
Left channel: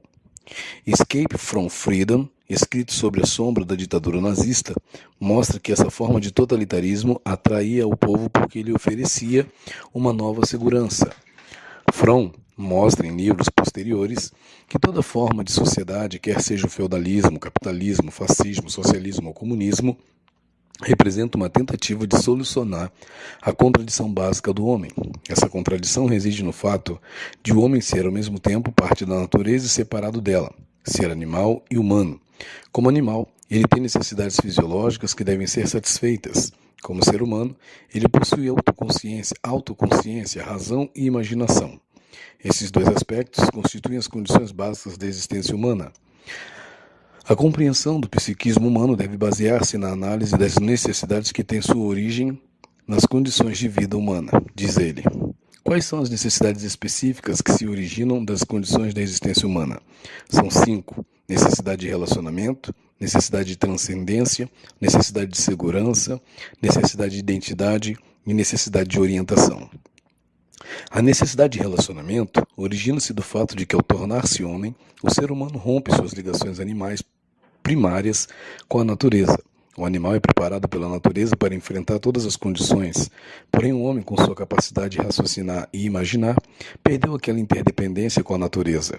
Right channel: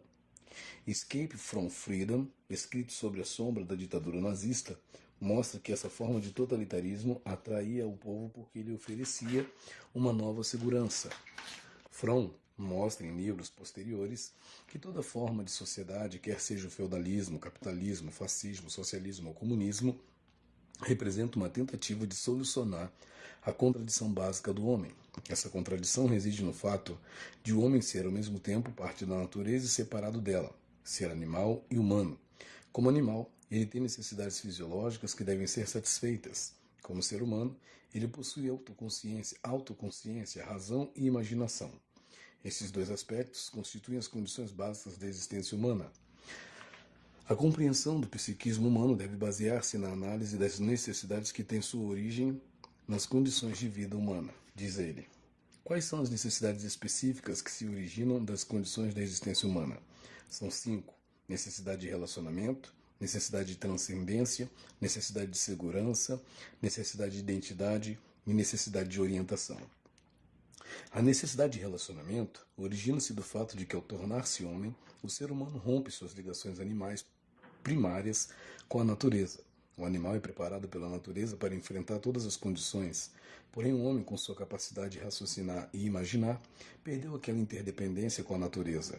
Escape from Freedom, escrito sobre a sombra da ditadura nazista, mostra que essa forma de totalitarismo atraía o povo porque lhe oferecia uma nova segurança. Fromm mostra em livros posteriores que toda forma de sociedade, quer seja o feudalismo, capitalismo, fascismo, socialismo ou comunismo, representa uma tentativa de solucionar a contradição básica do homem. Essa contradição reside no fato de o homem ser ao mesmo tempo parte da natureza e separado dela, ser animal e humano. Como animal, ele tem necessidades fisiológicas que devem ser satisfeitas. Como ser humano, ele possui autoconsciência, razão e imaginação. Esses dois aspectos constituem as condições básicas da existência humana. A compreensão do psiquismo humano deve basear-se na análise das necessidades que têm sua origem nas condições de vida humana, diz ele. Quais são as necessidades específicas que se originam das condições da existência humana? São 5: necessidade de relacionamento, necessidade de transcendência, necessidade de segurança, necessidade de identidade e necessidade de orientação. A necessidade de relacionamento origina-se do fato de que, ao tornar-se homem, o ser humano rompe suas ligações animais primárias com a natureza. O animal é preparado pela natureza para enfrentar todas as condições, porém o homem, com sua capacidade de raciocinar e imaginar, perdeu aquela interdependência com a natureza.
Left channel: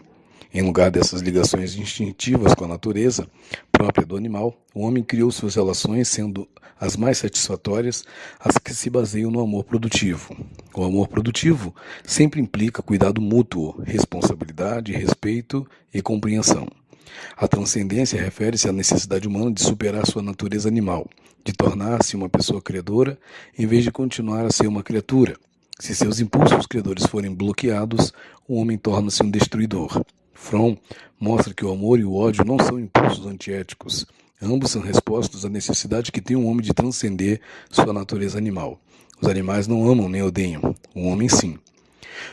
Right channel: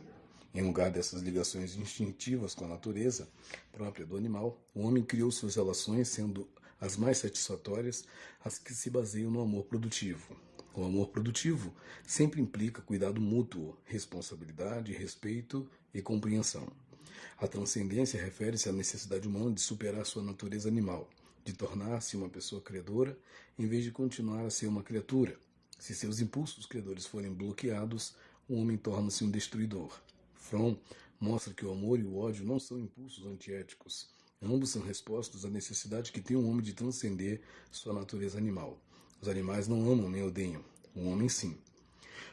Em lugar dessas ligações instintivas com a natureza própria do animal, o homem criou suas relações, sendo as mais satisfatórias as que se baseiam no amor produtivo. O amor produtivo sempre implica cuidado mútuo, responsabilidade, respeito e compreensão. A transcendência refere-se à necessidade humana de superar sua natureza animal, de tornar-se uma pessoa credora em vez de continuar a ser uma criatura. Se seus impulsos credores forem bloqueados, o homem torna-se um destruidor. Fromm mostra que o amor e o ódio não são impulsos antiéticos. Ambos são respostas à necessidade que tem o homem de transcender sua natureza animal. Os animais não amam nem odeiam, o homem sim.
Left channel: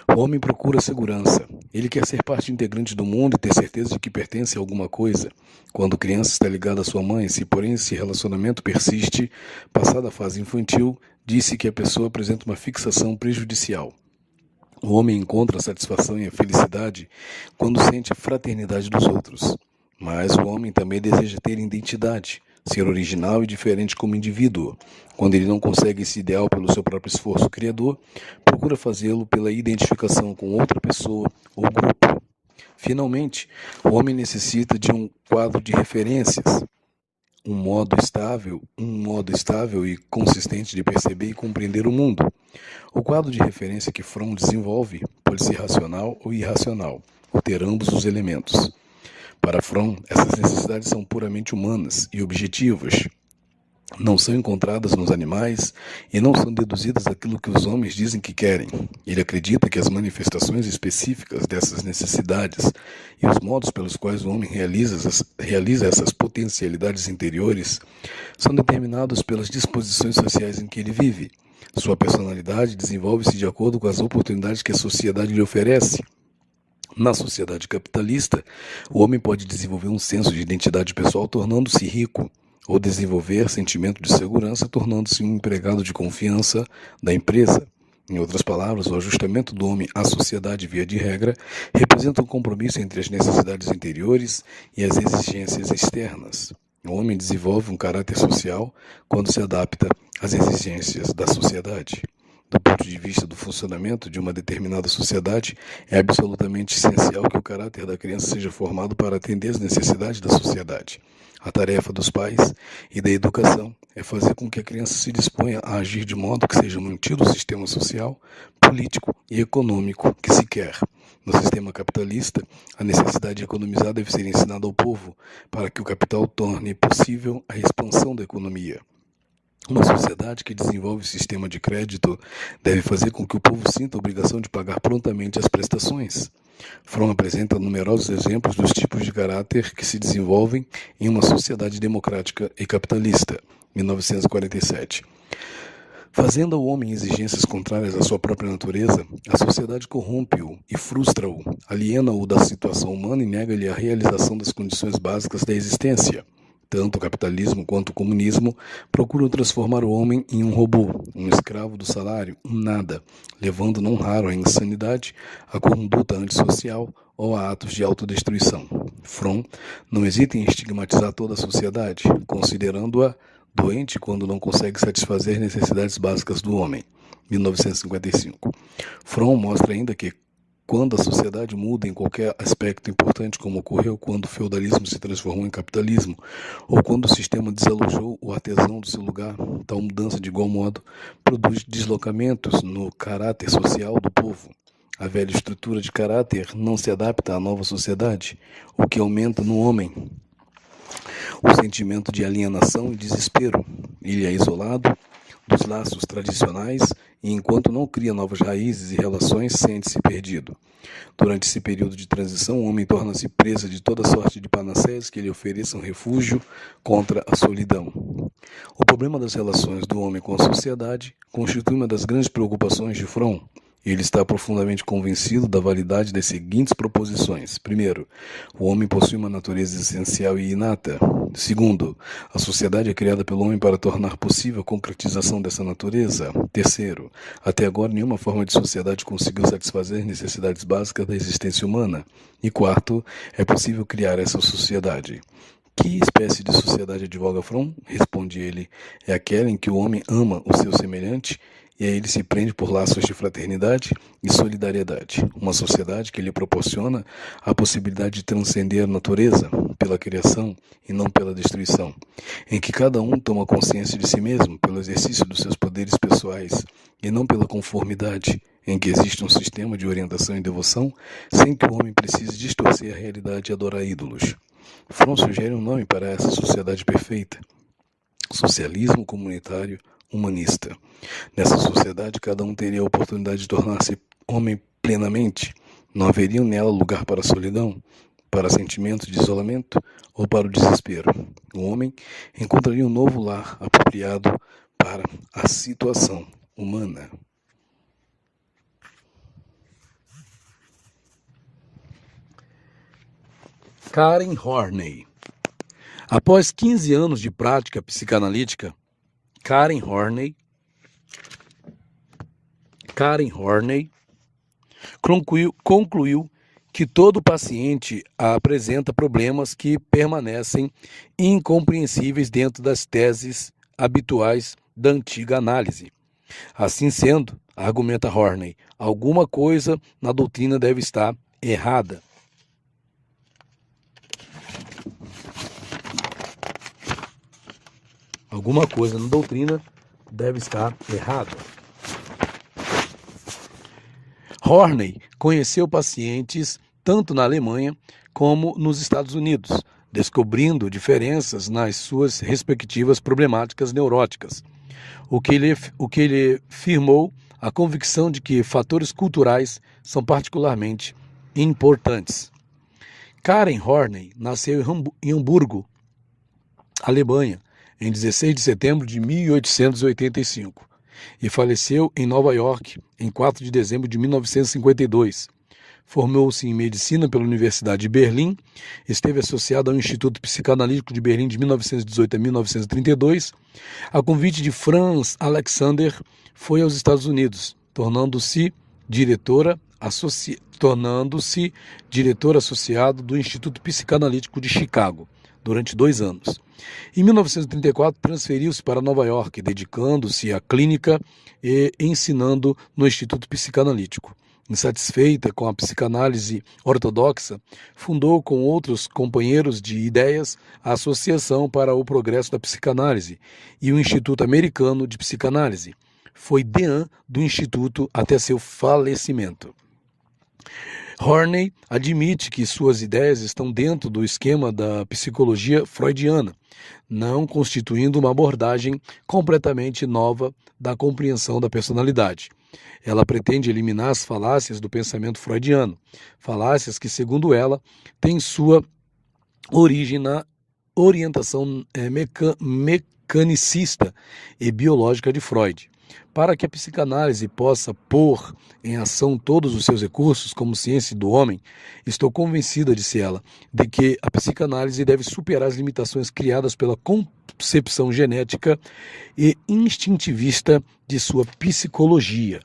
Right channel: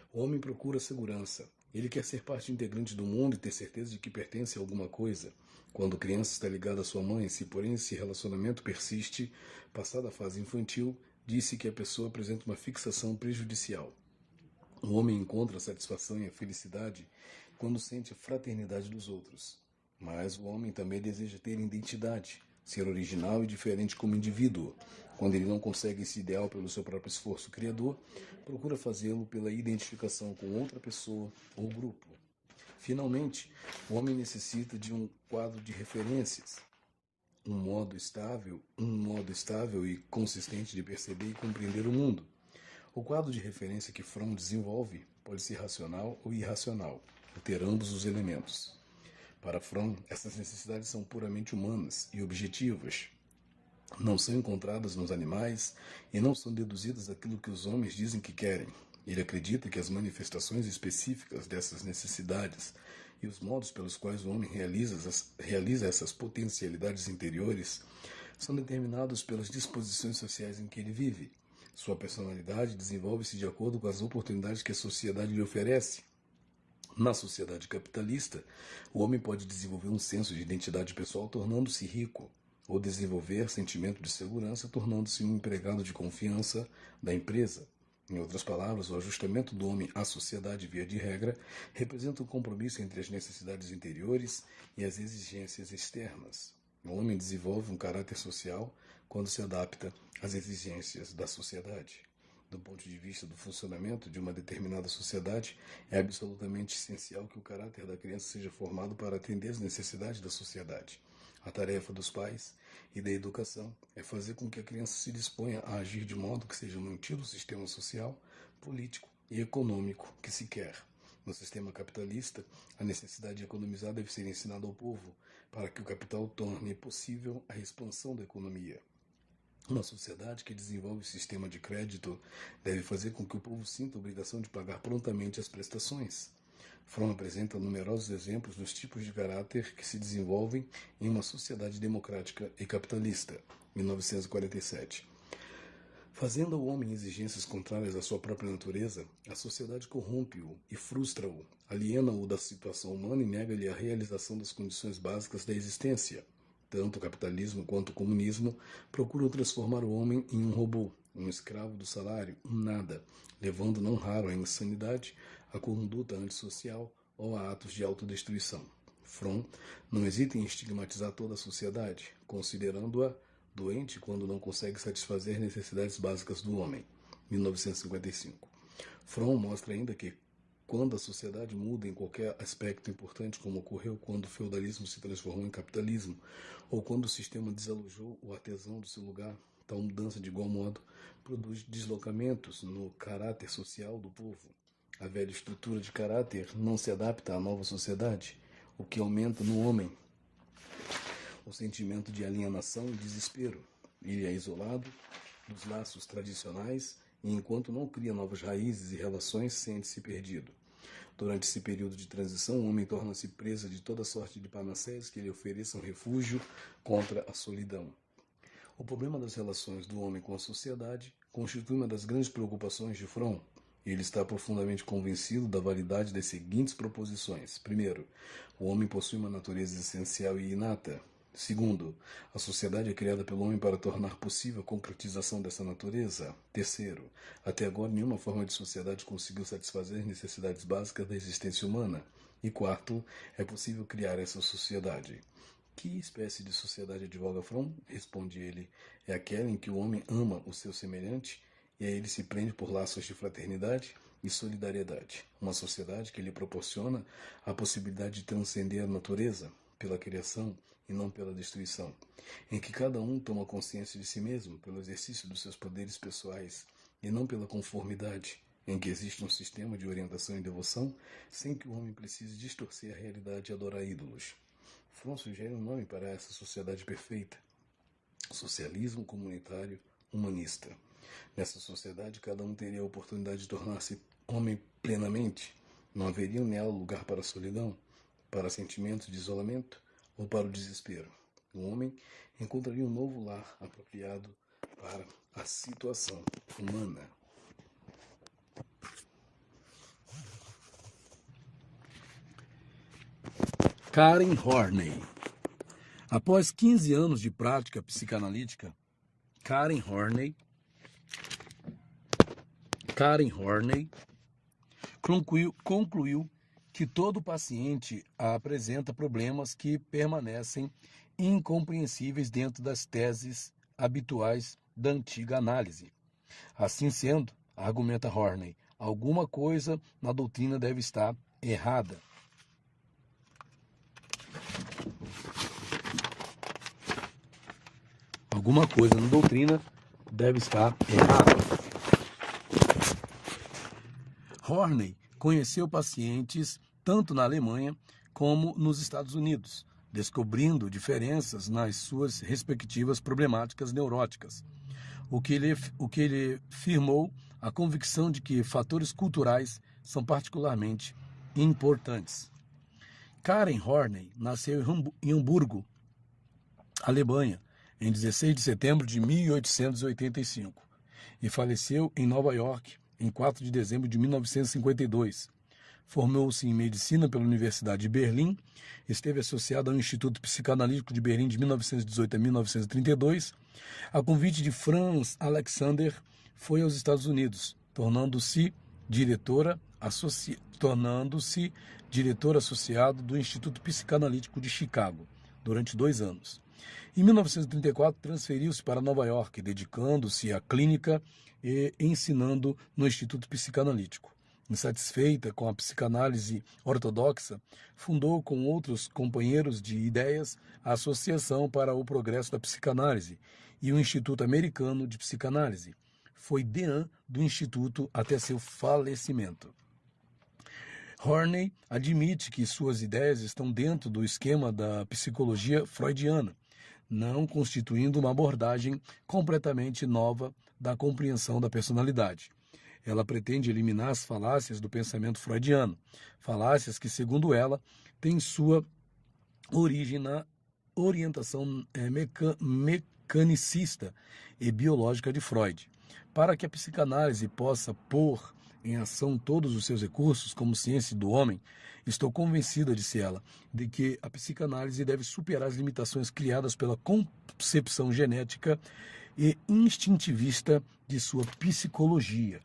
O homem procura segurança. Ele quer ser parte integrante do mundo e ter certeza de que pertence a alguma coisa. Quando criança está ligada à sua mãe, se porém esse relacionamento persiste, passada a fase infantil, disse que a pessoa apresenta uma fixação prejudicial. O homem encontra a satisfação e a felicidade quando sente a fraternidade dos outros. Mas o homem também deseja ter identidade, ser original e diferente como indivíduo. Quando ele não consegue esse ideal pelo seu próprio esforço criador, procura fazê-lo pela identificação com outra pessoa ou grupo. Finalmente, o homem necessita de um quadro de referências, um modo estável e consistente de perceber e compreender o mundo. O quadro de referência que Fromm desenvolve pode ser racional ou irracional, ou ter ambos os elementos. Para Fromm, essas necessidades são puramente humanas e objetivas. Não são encontradas nos animais e não são deduzidas daquilo que os homens dizem que querem. Ele acredita que as manifestações específicas dessas necessidades e os modos pelos quais o homem realiza essas potencialidades interiores são determinados pelas disposições sociais em que ele vive. Sua personalidade desenvolve-se de acordo com as oportunidades que a sociedade lhe oferece. Na sociedade capitalista, o homem pode desenvolver um senso de identidade pessoal tornando-se rico, ou desenvolver sentimento de segurança tornando-se um empregado de confiança da empresa. Em outras palavras, o ajustamento do homem à sociedade, via de regra, representa um compromisso entre as necessidades interiores e as exigências externas. O homem desenvolve um caráter social quando se adapta às exigências da sociedade. Do ponto de vista do funcionamento de uma determinada sociedade, é absolutamente essencial que o caráter da criança seja formado para atender às necessidades da sociedade. A tarefa dos pais e da educação é fazer com que a criança se disponha a agir de modo que seja mantido o sistema social, político e econômico que se quer. No sistema capitalista, a necessidade de economizar deve ser ensinada ao povo para que o capital torne possível a expansão da economia. Uma sociedade que desenvolve sistema de crédito deve fazer com que o povo sinta a obrigação de pagar prontamente as prestações. Fromm apresenta numerosos exemplos dos tipos de caráter que se desenvolvem em uma sociedade democrática e capitalista. 1947. Fazendo ao homem exigências contrárias à sua própria natureza, a sociedade corrompe-o e frustra-o, aliena-o da situação humana e nega-lhe a realização das condições básicas da existência. Tanto o capitalismo quanto o comunismo procuram transformar o homem em um robô, um escravo do salário, um nada, levando não raro à insanidade, à conduta antissocial ou a atos de autodestruição. Fromm não hesita em estigmatizar toda a sociedade, considerando-a doente quando não consegue satisfazer necessidades básicas do homem. 1955. Fromm mostra ainda que, quando a sociedade muda em qualquer aspecto importante, como ocorreu quando o feudalismo se transformou em capitalismo, ou quando o sistema desalojou o artesão do seu lugar, tal mudança, de igual modo, produz deslocamentos no caráter social do povo. A velha estrutura de caráter não se adapta à nova sociedade, o que aumenta no homem o sentimento de alienação e desespero. Ele é isolado dos laços tradicionais e, enquanto não cria novas raízes e relações, sente-se perdido. Durante esse período de transição, o homem torna-se presa de toda sorte de panaceias que lhe ofereçam refúgio contra a solidão. O problema das relações do homem com a sociedade constitui uma das grandes preocupações de Fromm. Ele está profundamente convencido da validade das seguintes proposições. Primeiro, o homem possui uma natureza essencial e inata. Segundo, a sociedade é criada pelo homem para tornar possível a concretização dessa natureza. Terceiro, até agora nenhuma forma de sociedade conseguiu satisfazer necessidades básicas da existência humana. E quarto, é possível criar essa sociedade. Que espécie de sociedade advoga Fromm? Responde ele, é aquela em que o homem ama o seu semelhante e a ele se prende por laços de fraternidade e solidariedade. Uma sociedade que lhe proporciona a possibilidade de transcender a natureza pela criação e não pela destruição, em que cada um toma consciência de si mesmo pelo exercício dos seus poderes pessoais e não pela conformidade, em que existe um sistema de orientação e devoção sem que o homem precise distorcer a realidade e adorar ídolos. Fromm sugere um nome para essa sociedade perfeita: socialismo comunitário humanista. Nessa sociedade, cada um teria a oportunidade de tornar-se homem plenamente. Não haveria nela lugar para a solidão, para sentimentos de isolamento ou para o desespero. O homem encontraria um novo lar apropriado para a situação humana. Karen Horney. Após 15 anos de prática psicanalítica, Karen Horney concluiu que todo paciente apresenta problemas que permanecem incompreensíveis dentro das teses habituais da antiga análise. Assim sendo, argumenta Horney, alguma coisa na doutrina deve estar errada. Alguma coisa na doutrina deve estar errada. Horney conheceu pacientes tanto na Alemanha como nos Estados Unidos, descobrindo diferenças nas suas respectivas problemáticas neuróticas, o que lhe firmou a convicção de que fatores culturais são particularmente importantes. Karen Horney nasceu em Hamburgo, Alemanha, em 16 de setembro de 1885, e faleceu em Nova York em 4 de dezembro de 1952. Formou-se em medicina pela Universidade de Berlim, esteve associado ao Instituto Psicanalítico de Berlim de 1918 a 1932. A convite de Franz Alexander, foi aos Estados Unidos, tornando-se diretor associado do Instituto Psicanalítico de Chicago durante 2 anos. Em 1934, transferiu-se para Nova York, dedicando-se à clínica e ensinando no Instituto Psicanalítico. Insatisfeita com a psicanálise ortodoxa, fundou com outros companheiros de ideias a Associação para o Progresso da Psicanálise e o Instituto Americano de Psicanálise. Foi deã do Instituto até seu falecimento. Horney admite que suas ideias estão dentro do esquema da psicologia freudiana, não constituindo uma abordagem completamente nova da compreensão da personalidade. Ela pretende eliminar as falácias do pensamento freudiano, falácias que, segundo ela, têm sua origem na orientação mecanicista e biológica de Freud. Para que a psicanálise possa pôr em ação todos os seus recursos como ciência do homem, estou convencida, disse ela, de que a psicanálise deve superar as limitações criadas pela concepção genética e instintivista de sua psicologia.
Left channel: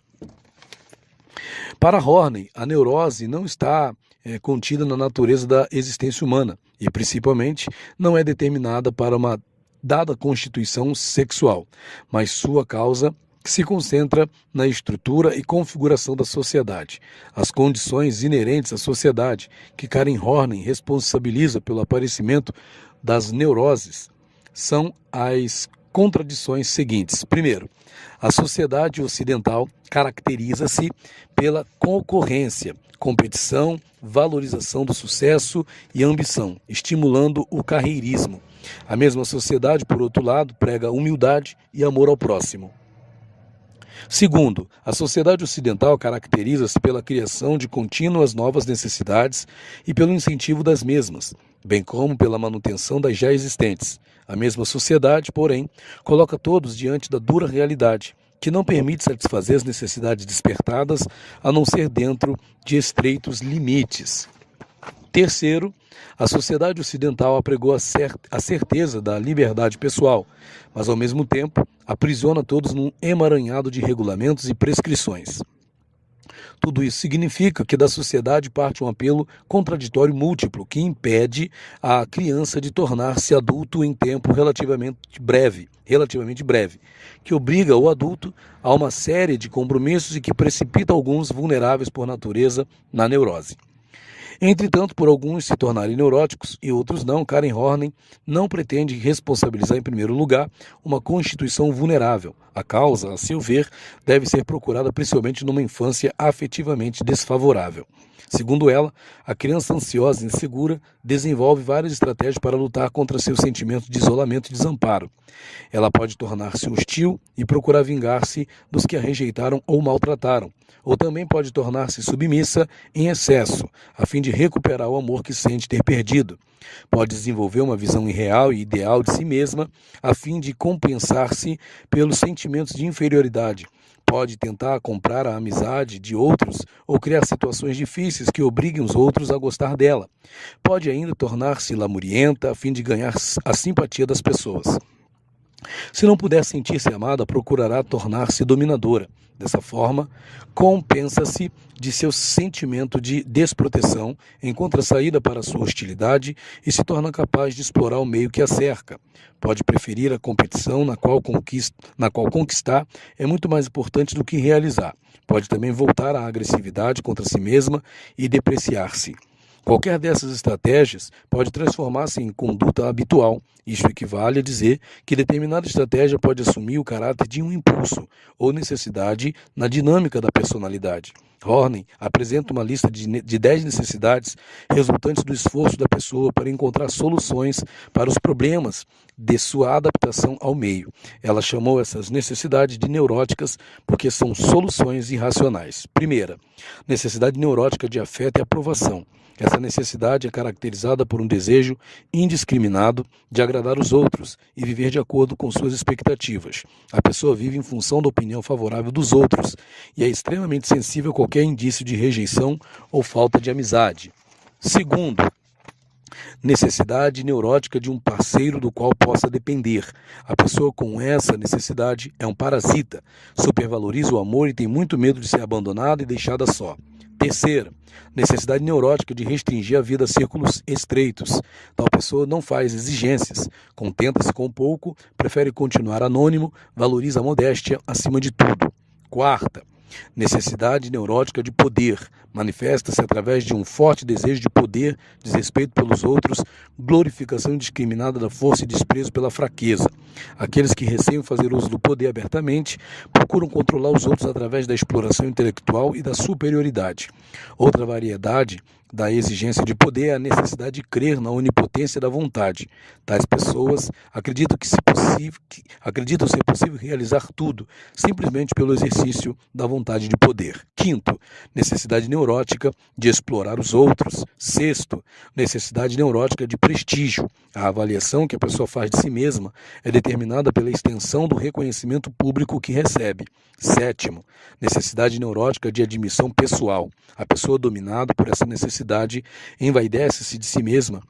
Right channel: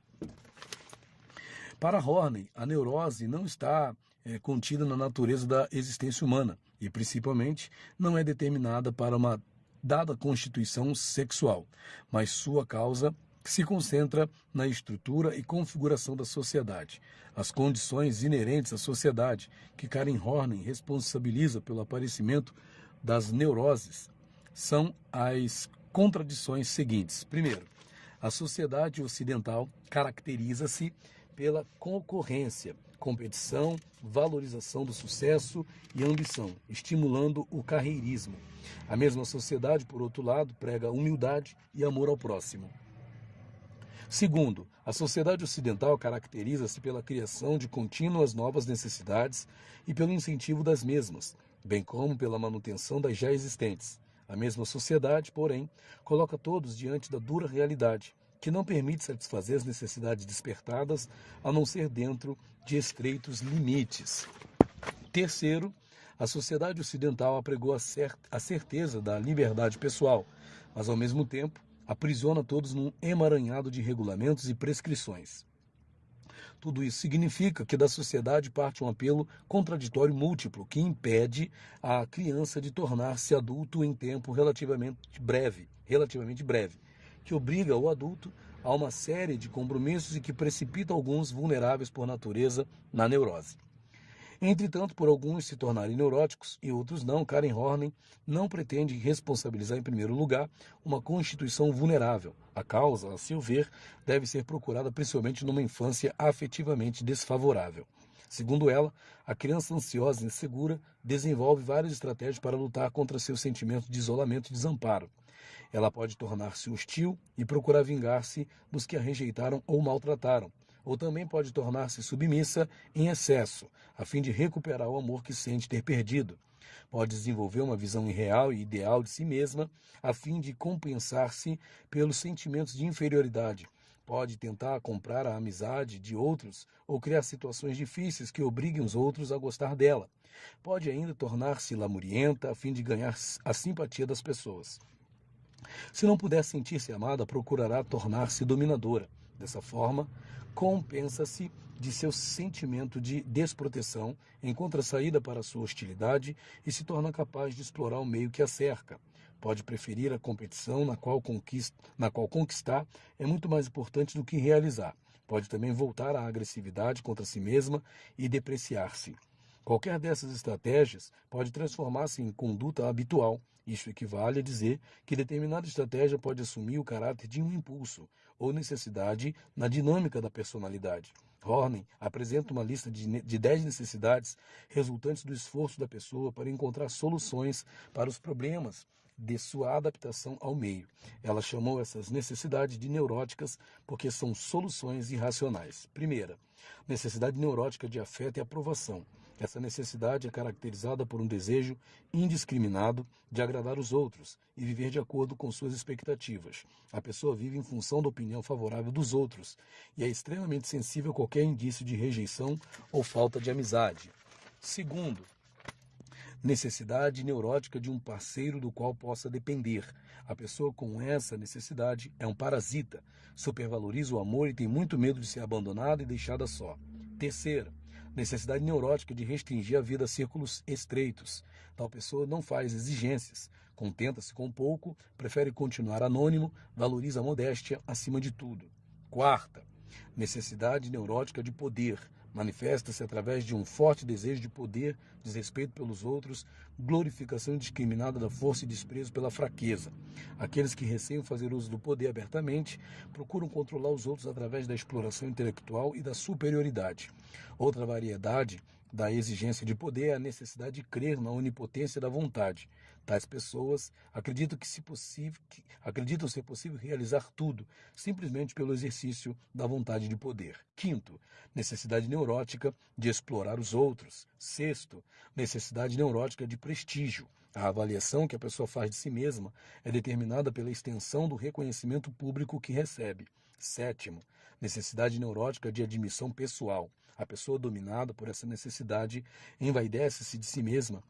Para Horney, a neurose não está contida na natureza da existência humana e, principalmente, não é determinada para uma dada constituição sexual, mas sua causa se concentra na estrutura e configuração da sociedade. As condições inerentes à sociedade que Karen Horney responsabiliza pelo aparecimento das neuroses são as contradições seguintes. Primeiro, a sociedade ocidental caracteriza-se pela concorrência, competição, valorização do sucesso e ambição, estimulando o carreirismo. A mesma sociedade, por outro lado, prega humildade e amor ao próximo. Segundo, a sociedade ocidental caracteriza-se pela criação de contínuas novas necessidades e pelo incentivo das mesmas, bem como pela manutenção das já existentes. A mesma sociedade, porém, coloca todos diante da dura realidade, que não permite satisfazer as necessidades despertadas, a não ser dentro de estreitos limites. Terceiro, a sociedade ocidental apregou a certeza da liberdade pessoal, mas ao mesmo tempo aprisiona todos num emaranhado de regulamentos e prescrições. Tudo isso significa que da sociedade parte um apelo contraditório múltiplo que impede a criança de tornar-se adulto em tempo relativamente breve, que obriga o adulto a uma série de compromissos e que precipita alguns vulneráveis por natureza na neurose. Entretanto, por alguns se tornarem neuróticos e outros não, Karen Horney não pretende responsabilizar em primeiro lugar uma constituição vulnerável. A causa, a seu ver, deve ser procurada principalmente numa infância afetivamente desfavorável. Segundo ela, a criança ansiosa e insegura desenvolve várias estratégias para lutar contra seus sentimentos de isolamento e desamparo. Ela pode tornar-se hostil e procurar vingar-se dos que a rejeitaram ou maltrataram, ou também pode tornar-se submissa em excesso, a fim de recuperar o amor que sente ter perdido. Pode desenvolver uma visão irreal e ideal de si mesma, a fim de compensar-se pelos sentimentos de inferioridade. Pode tentar comprar a amizade de outros ou criar situações difíceis que obriguem os outros a gostar dela. Pode ainda tornar-se lamurienta, a fim de ganhar a simpatia das pessoas. Se não puder sentir-se amada, procurará tornar-se dominadora. Dessa forma, compensa-se de seu sentimento de desproteção, encontra saída para sua hostilidade e se torna capaz de explorar o meio que a cerca. Pode preferir a competição na qual conquistar é muito mais importante do que realizar. Pode também voltar à agressividade contra si mesma e depreciar-se. Qualquer dessas estratégias pode transformar-se em conduta habitual. Isso equivale a dizer que determinada estratégia pode assumir o caráter de um impulso ou necessidade na dinâmica da personalidade. Horney apresenta uma lista de 10 necessidades resultantes do esforço da pessoa para encontrar soluções para os problemas de sua adaptação ao meio. Ela chamou essas necessidades de neuróticas porque são soluções irracionais. Primeira, necessidade neurótica de afeto e aprovação. Essa necessidade é caracterizada por um desejo indiscriminado de agradar os outros e viver de acordo com suas expectativas. A pessoa vive em função da opinião favorável dos outros e é extremamente sensível a qualquer indício de rejeição ou falta de amizade. Segundo, necessidade neurótica de um parceiro do qual possa depender. A pessoa com essa necessidade é um parasita, supervaloriza o amor e tem muito medo de ser abandonada e deixada só. Terceira, necessidade neurótica de restringir a vida a círculos estreitos. Tal pessoa não faz exigências, contenta-se com pouco, prefere continuar anônimo, valoriza a modéstia acima de tudo. Quarta, necessidade neurótica de poder. Manifesta-se através de um forte desejo de poder, desrespeito pelos outros, glorificação indiscriminada da força e desprezo pela fraqueza. Aqueles que receiam fazer uso do poder abertamente procuram controlar os outros através da exploração intelectual e da superioridade. Outra variedade da exigência de poder é a necessidade de crer na onipotência da vontade. Tais pessoas acreditam ser possível realizar tudo, simplesmente pelo exercício da vontade de poder. Quinto, necessidade neurótica de explorar os outros. Sexto, necessidade neurótica de prestígio. A avaliação que a pessoa faz de si mesma é determinada pela extensão do reconhecimento público que recebe. Sétimo, necessidade neurótica de admissão pessoal. A pessoa dominada por essa necessidade envaidece-se de si mesma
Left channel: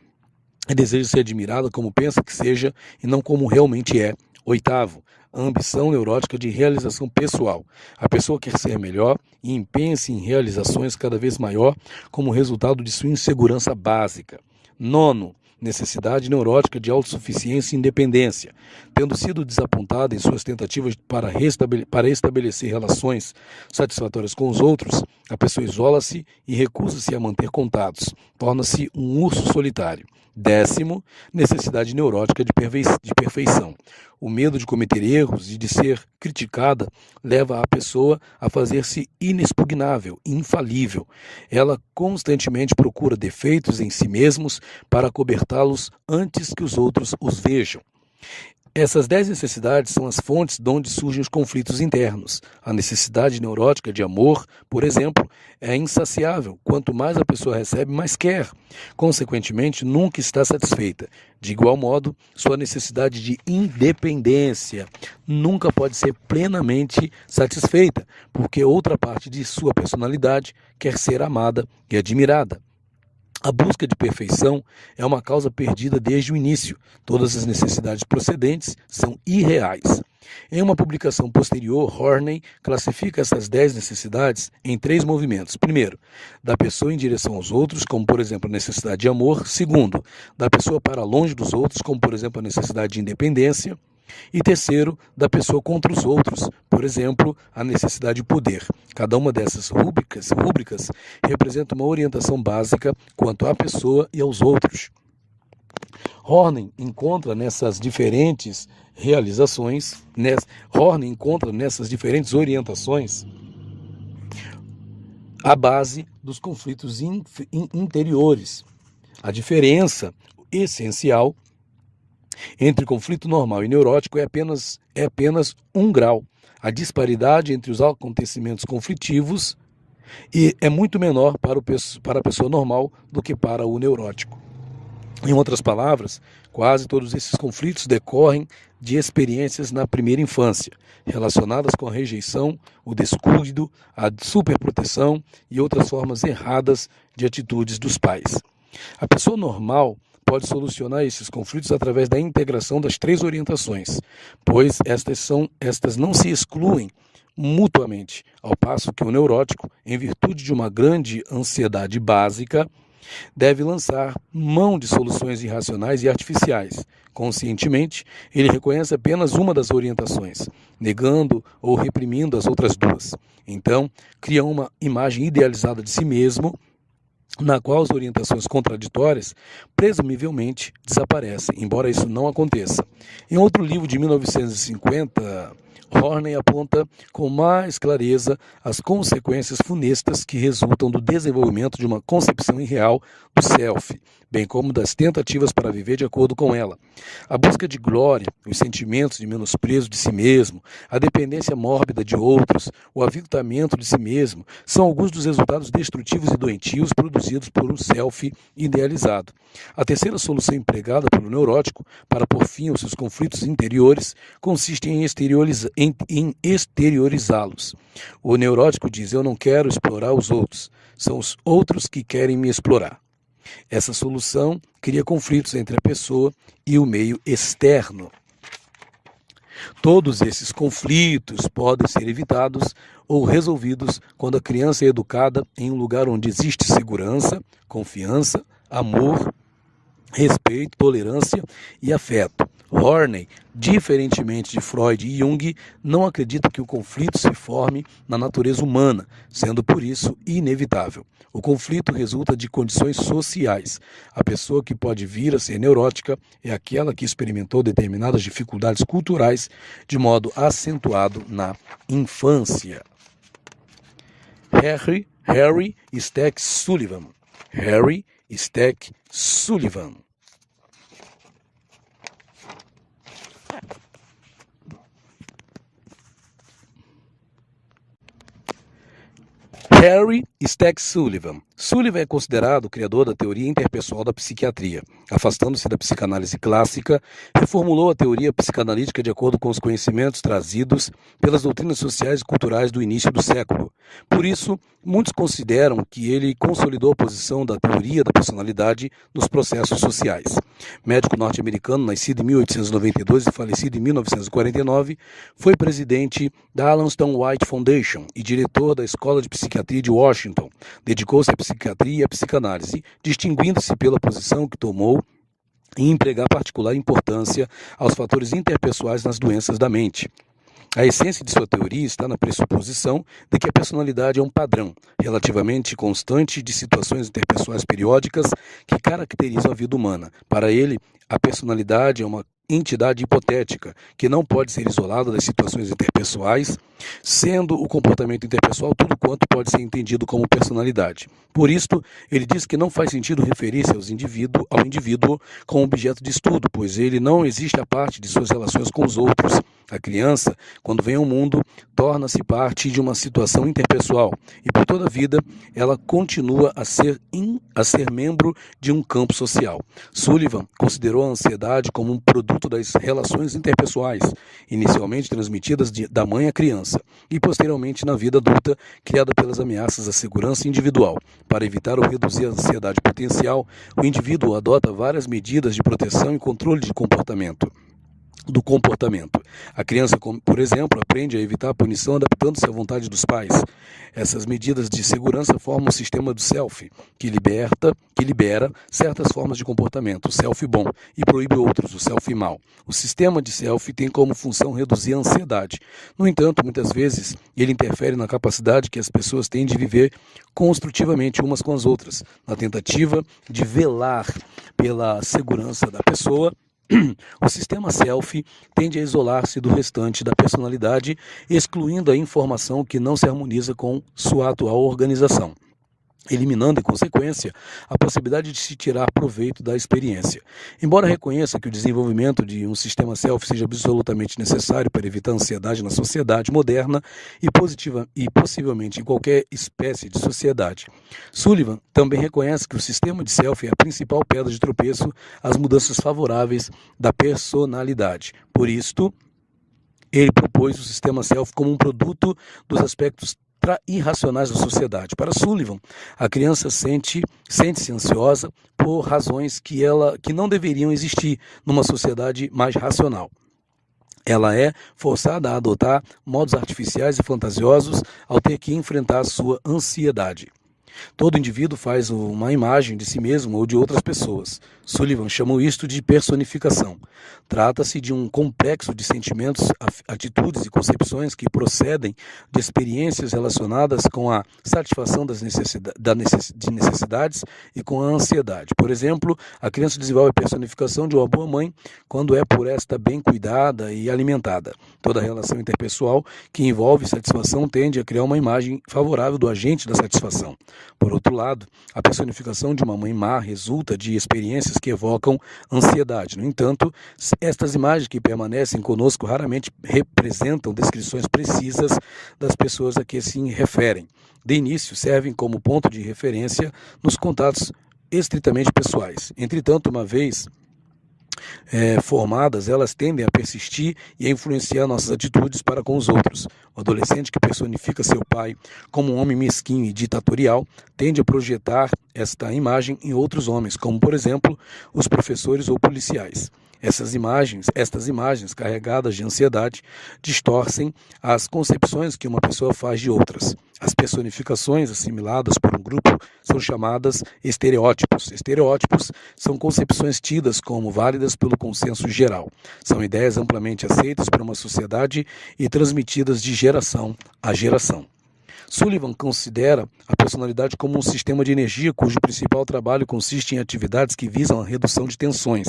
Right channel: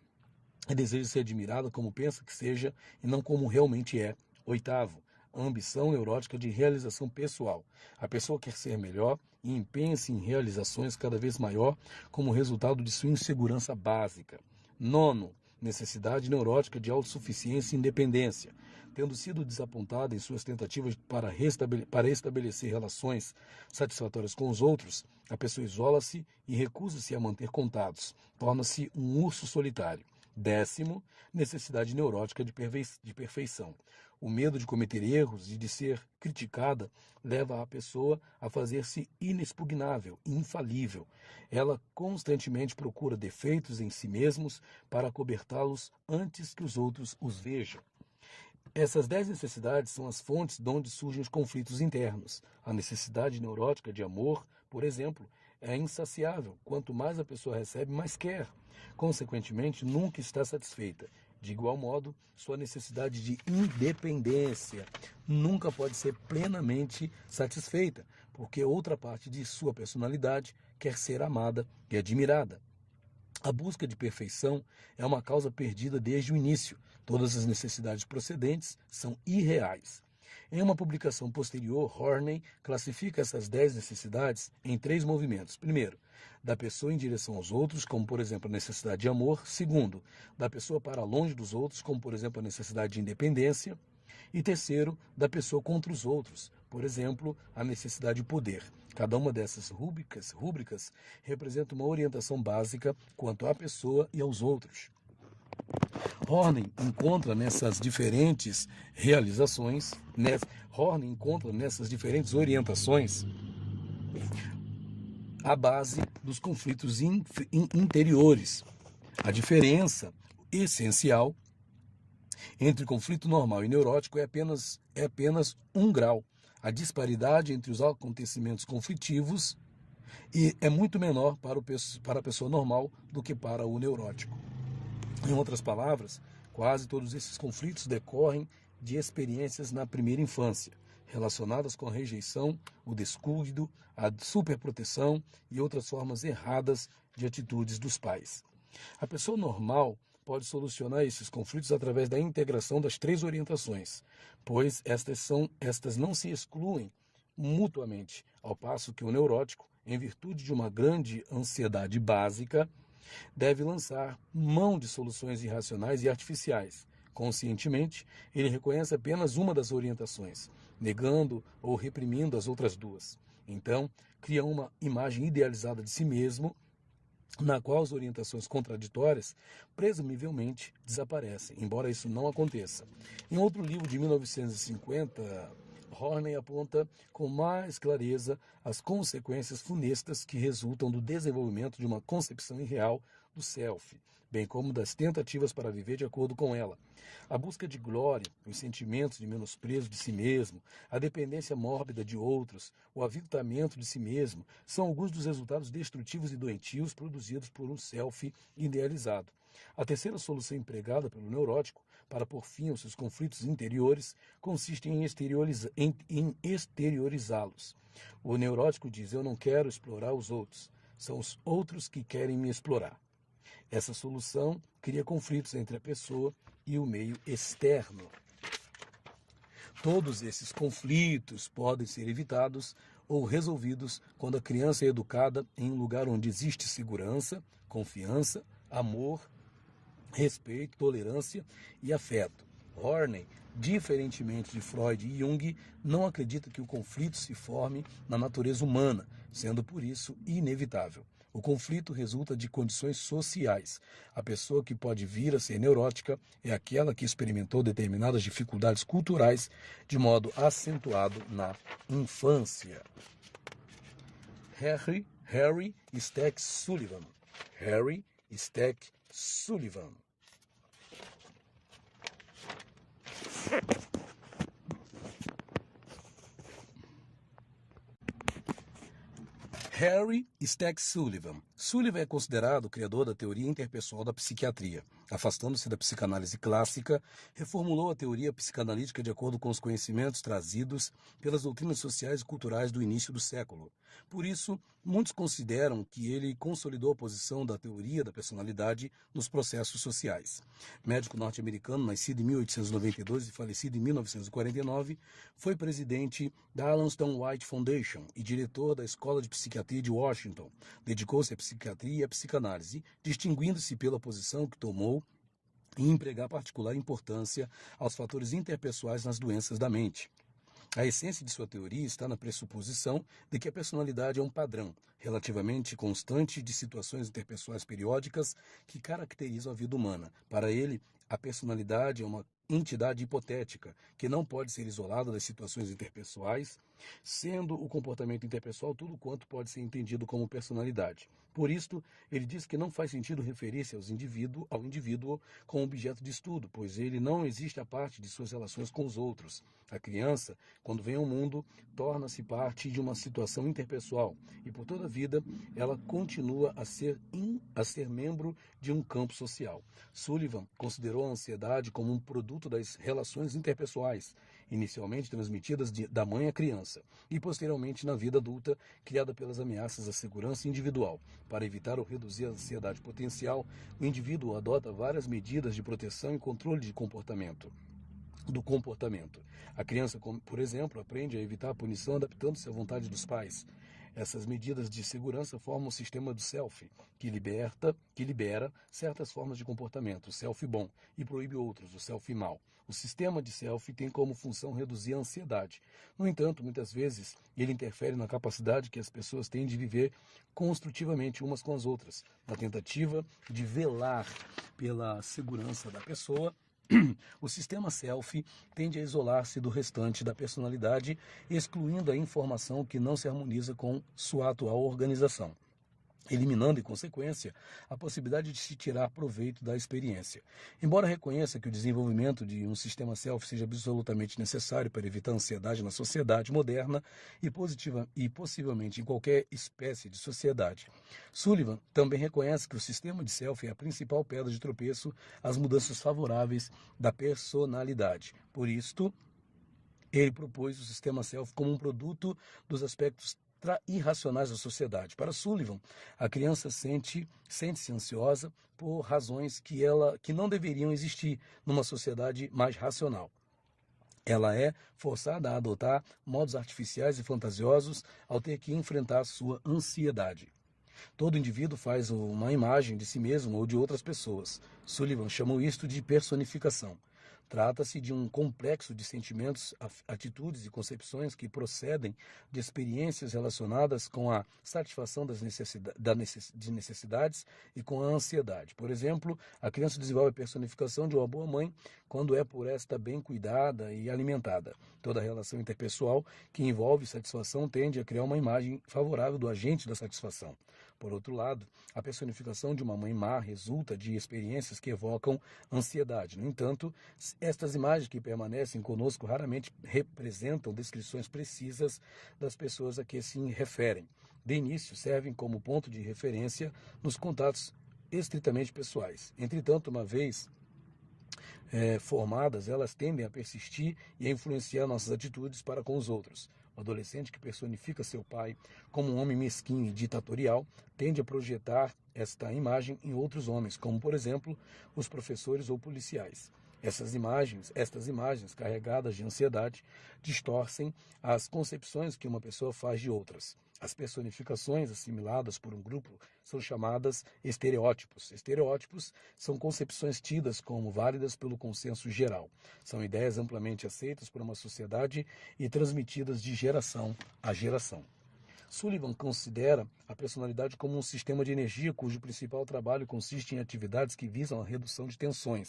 e deseja ser admirada como pensa que seja e não como realmente é. Oitavo, a ambição neurótica de realização pessoal. A pessoa quer ser melhor e empenha-se em realizações cada vez maior como resultado de sua insegurança básica. Nono, necessidade neurótica de autossuficiência e independência. Tendo sido desapontada em suas tentativas para estabelecer relações satisfatórias com os outros, a pessoa isola-se e recusa-se a manter contatos. Torna-se um urso solitário. Décimo, necessidade neurótica de perfeição. O medo de cometer erros e de ser criticada leva a pessoa a fazer-se inexpugnável, infalível. Ela constantemente procura defeitos em si mesmos para cobertá-los antes que os outros os vejam. Essas 10 necessidades são as fontes de onde surgem os conflitos internos. A necessidade neurótica de amor, por exemplo, é insaciável. Quanto mais a pessoa recebe, mais quer. Consequentemente, nunca está satisfeita. De igual modo, sua necessidade de independência nunca pode ser plenamente satisfeita, porque outra parte de sua personalidade quer ser amada e admirada. A busca de perfeição é uma causa perdida desde o início. Todas as necessidades procedentes são irreais. Em uma publicação posterior, Horney classifica essas 10 necessidades em 3 movimentos. Primeiro, da pessoa em direção aos outros, como por exemplo a necessidade de amor. Segundo, da pessoa para longe dos outros, como por exemplo a necessidade de independência. E terceiro, da pessoa contra os outros, por exemplo, a necessidade de poder. Cada uma dessas rúbricas representa uma orientação básica quanto à pessoa e aos outros. Horney encontra nessas diferentes orientações a base dos conflitos interiores. A diferença essencial entre conflito normal e neurótico é apenas 1 grau. A disparidade entre os acontecimentos conflitivos é muito menor para a pessoa normal do que para o neurótico. Em outras palavras, quase todos esses conflitos decorrem de experiências na primeira infância, relacionadas com a rejeição, o descuido, a superproteção e outras formas erradas de atitudes dos pais. A pessoa normal pode solucionar esses conflitos através da integração das 3 orientações, pois estas não se excluem mutuamente, ao passo que o neurótico, em virtude de uma grande ansiedade básica, deve lançar mão de soluções irracionais e artificiais. Conscientemente, ele reconhece apenas uma das orientações, negando ou reprimindo as outras 2. Então, cria uma imagem idealizada de si mesmo, na qual as orientações contraditórias presumivelmente desaparecem, embora isso não aconteça. Em outro livro de 1950, Horney aponta com mais clareza as consequências funestas que resultam do desenvolvimento de uma concepção irreal do self, bem como das tentativas para viver de acordo com ela. A busca de glória, os sentimentos de menosprezo de si mesmo, a dependência mórbida de outros, o aviltamento de si mesmo, são alguns dos resultados destrutivos e doentios produzidos por um self idealizado. A terceira solução empregada pelo neurótico para pôr fim aos seus conflitos interiores consiste em exteriorizá-los. O neurótico diz: eu não quero explorar os outros, são os outros que querem me explorar. Essa solução cria conflitos entre a pessoa e o meio externo. Todos esses conflitos podem ser evitados ou resolvidos quando a criança é educada em um lugar onde existe segurança, confiança, amor, respeito, tolerância e afeto. Horney, diferentemente de Freud e Jung, não acredita que o conflito se forme na natureza humana, sendo por isso inevitável. O conflito resulta de condições sociais. A pessoa que pode vir a ser neurótica é aquela que experimentou determinadas dificuldades culturais de modo acentuado na infância. Harry Stack Sullivan. Harry Stack Sullivan. Harry Stack Sullivan, Sullivan é considerado o criador da teoria interpessoal da psiquiatria. Afastando-se da psicanálise clássica, reformulou a teoria psicanalítica de acordo com os conhecimentos trazidos pelas doutrinas sociais e culturais do início do século. Por isso, muitos consideram que ele consolidou a posição da teoria da personalidade nos processos sociais. Médico norte-americano, nascido em 1892 e falecido em 1949, foi presidente da Alan Stone White Foundation e diretor da Escola de Psiquiatria de Washington. Dedicou-se à psiquiatria e à psicanálise, distinguindo-se pela posição que tomou em empregar particular importância aos fatores interpessoais nas doenças da mente. A essência de sua teoria está na pressuposição de que a personalidade é um padrão relativamente constante de situações interpessoais periódicas que caracterizam a vida humana. Para ele, a personalidade é uma entidade hipotética que não pode ser isolada das situações interpessoais, sendo o comportamento interpessoal tudo quanto pode ser entendido como personalidade. Por isto, ele diz que não faz sentido referir-se ao indivíduo como objeto de estudo, pois ele não existe a parte de suas relações com os outros. A criança, quando vem ao mundo, torna-se parte de uma situação interpessoal e, por toda a vida, ela continua a ser membro de um campo social. Sullivan considerou a ansiedade como um produto das relações interpessoais, inicialmente transmitidas da mãe à criança e, posteriormente, na vida adulta, criada pelas ameaças à segurança individual. Para evitar ou reduzir a ansiedade potencial, o indivíduo adota várias medidas de proteção e controle do comportamento. A criança, por exemplo, aprende a evitar a punição adaptando-se à vontade dos pais. Essas medidas de segurança formam o sistema do self, que libera certas formas de comportamento, o self bom, e proíbe outros, o self mal. O sistema de self tem como função reduzir a ansiedade. No entanto, muitas vezes, ele interfere na capacidade que as pessoas têm de viver construtivamente umas com as outras, na tentativa de velar pela segurança da pessoa. O sistema self tende a isolar-se do restante da personalidade, excluindo a informação que não se harmoniza com sua atual organização, eliminando, em consequência, a possibilidade de se tirar proveito da experiência. Embora reconheça que o desenvolvimento de um sistema self seja absolutamente necessário para evitar a ansiedade na sociedade moderna e possivelmente em qualquer espécie de sociedade, Sullivan também reconhece que o sistema de self é a principal pedra de tropeço às mudanças favoráveis da personalidade. Por isto, ele propôs o sistema self como um produto dos aspectos irracionais da sociedade. Para Sullivan, a criança sente-se ansiosa por razões que não deveriam existir numa sociedade mais racional. Ela é forçada a adotar modos artificiais e fantasiosos ao ter que enfrentar sua ansiedade. Todo indivíduo faz uma imagem de si mesmo ou de outras pessoas. Sullivan chamou isto de personificação. Trata-se de um complexo de sentimentos, atitudes e concepções que procedem de experiências relacionadas com a satisfação de necessidades e com a ansiedade. Por exemplo, a criança desenvolve a personificação de uma boa mãe quando é por esta bem cuidada e alimentada. Toda relação interpessoal que envolve satisfação tende a criar uma imagem favorável do agente da satisfação. Por outro lado, a personificação de uma mãe má resulta de experiências que evocam ansiedade. No entanto, estas imagens que permanecem conosco raramente representam descrições precisas das pessoas a que se referem. De início, servem como ponto de referência nos contatos estritamente pessoais. Entretanto, uma vez formadas, elas tendem a persistir e a influenciar nossas atitudes para com os outros. O adolescente que personifica seu pai como um homem mesquinho e ditatorial tende a projetar esta imagem em outros homens, como, por exemplo, os professores ou policiais. Estas imagens carregadas de ansiedade distorcem as concepções que uma pessoa faz de outras. As personificações assimiladas por um grupo são chamadas estereótipos. Estereótipos são concepções tidas como válidas pelo consenso geral. São ideias amplamente aceitas por uma sociedade e transmitidas de geração a geração. Sullivan considera a personalidade como um sistema de energia cujo principal trabalho consiste em atividades que visam a redução de tensões.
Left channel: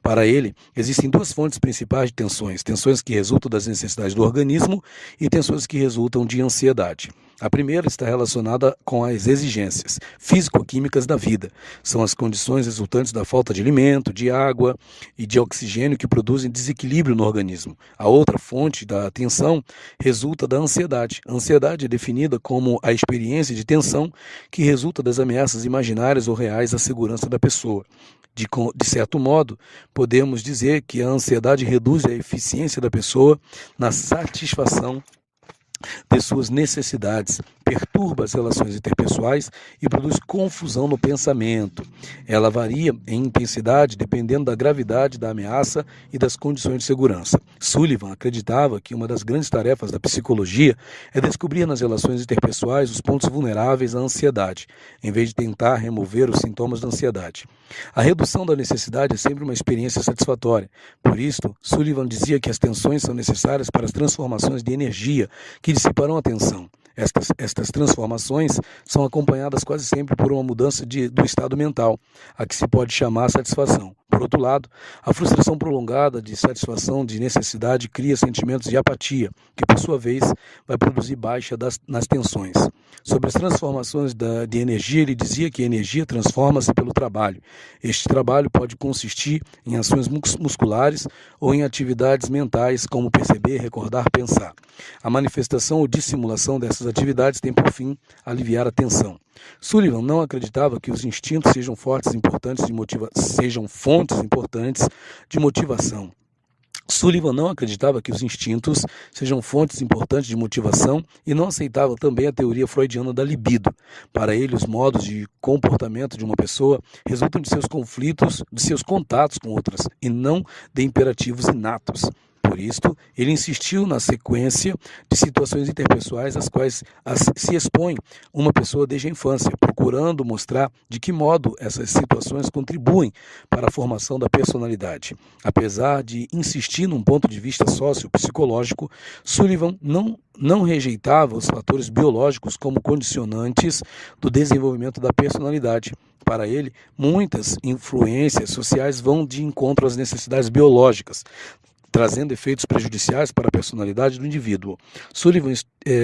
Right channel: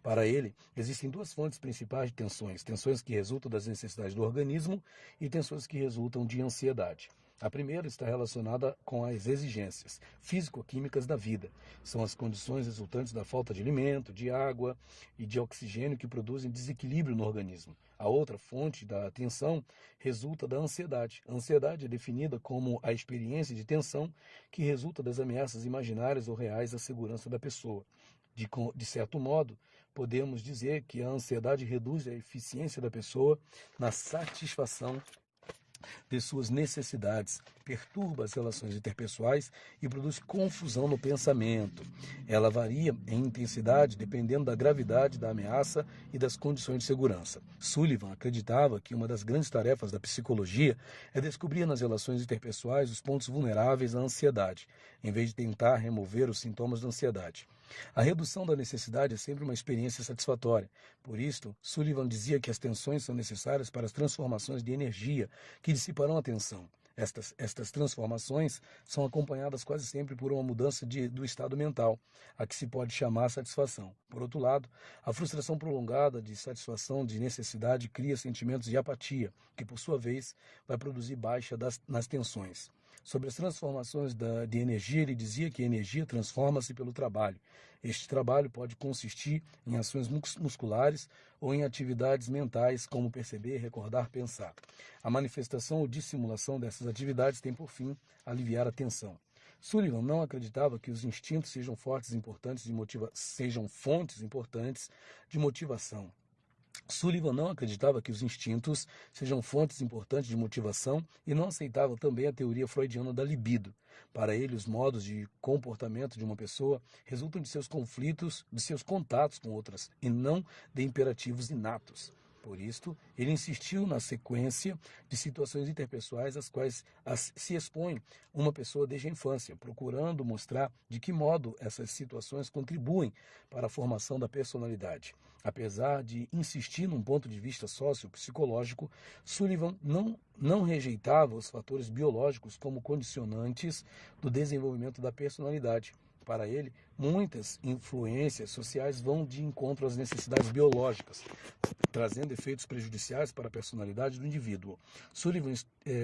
Para ele, existem duas fontes principais de tensões: tensões que resultam das necessidades do organismo e tensões que resultam de ansiedade. A primeira está relacionada com as exigências físico-químicas da vida. São as condições resultantes da falta de alimento, de água e de oxigênio que produzem desequilíbrio no organismo. A outra fonte da tensão resulta da ansiedade. A ansiedade é definida como a experiência de tensão que resulta das ameaças imaginárias ou reais à segurança da pessoa. De certo modo, podemos dizer que a ansiedade reduz a eficiência da pessoa na satisfação de suas necessidades, perturba as relações interpessoais e produz confusão no pensamento. Ela varia em intensidade dependendo da gravidade da ameaça e das condições de segurança. Sullivan acreditava que uma das grandes tarefas da psicologia é descobrir nas relações interpessoais os pontos vulneráveis à ansiedade, em vez de tentar remover os sintomas da ansiedade. A redução da necessidade é sempre uma experiência satisfatória. Por isto, Sullivan dizia que as tensões são necessárias para as transformações de energia que dissiparão a tensão. Estas transformações são acompanhadas quase sempre por uma mudança do estado mental, a que se pode chamar satisfação. Por outro lado, a frustração prolongada de satisfação de necessidade cria sentimentos de apatia, que por sua vez vai produzir baixa nas tensões. Sobre as transformações de energia, ele dizia que a energia transforma-se pelo trabalho. Este trabalho pode consistir em ações musculares ou em atividades mentais, como perceber, recordar, pensar. A manifestação ou dissimulação dessas atividades tem por fim aliviar a tensão. Sullivan não acreditava que os instintos sejam fontes importantes de motivação. Sullivan não acreditava que os instintos sejam fontes importantes de motivação e não aceitava também a teoria freudiana da libido. Para ele, os modos de comportamento de uma pessoa resultam de seus conflitos, de seus contatos com outras, e não de imperativos inatos. Por isto, ele insistiu na sequência de situações interpessoais às quais se expõe uma pessoa desde a infância, procurando mostrar de que modo essas situações contribuem para a formação da personalidade. Apesar de insistir num ponto de vista sociopsicológico, Sullivan não rejeitava os fatores biológicos como condicionantes do desenvolvimento da personalidade. Para ele, muitas influências sociais vão de encontro às necessidades biológicas, trazendo efeitos prejudiciais para a personalidade do indivíduo. Sullivan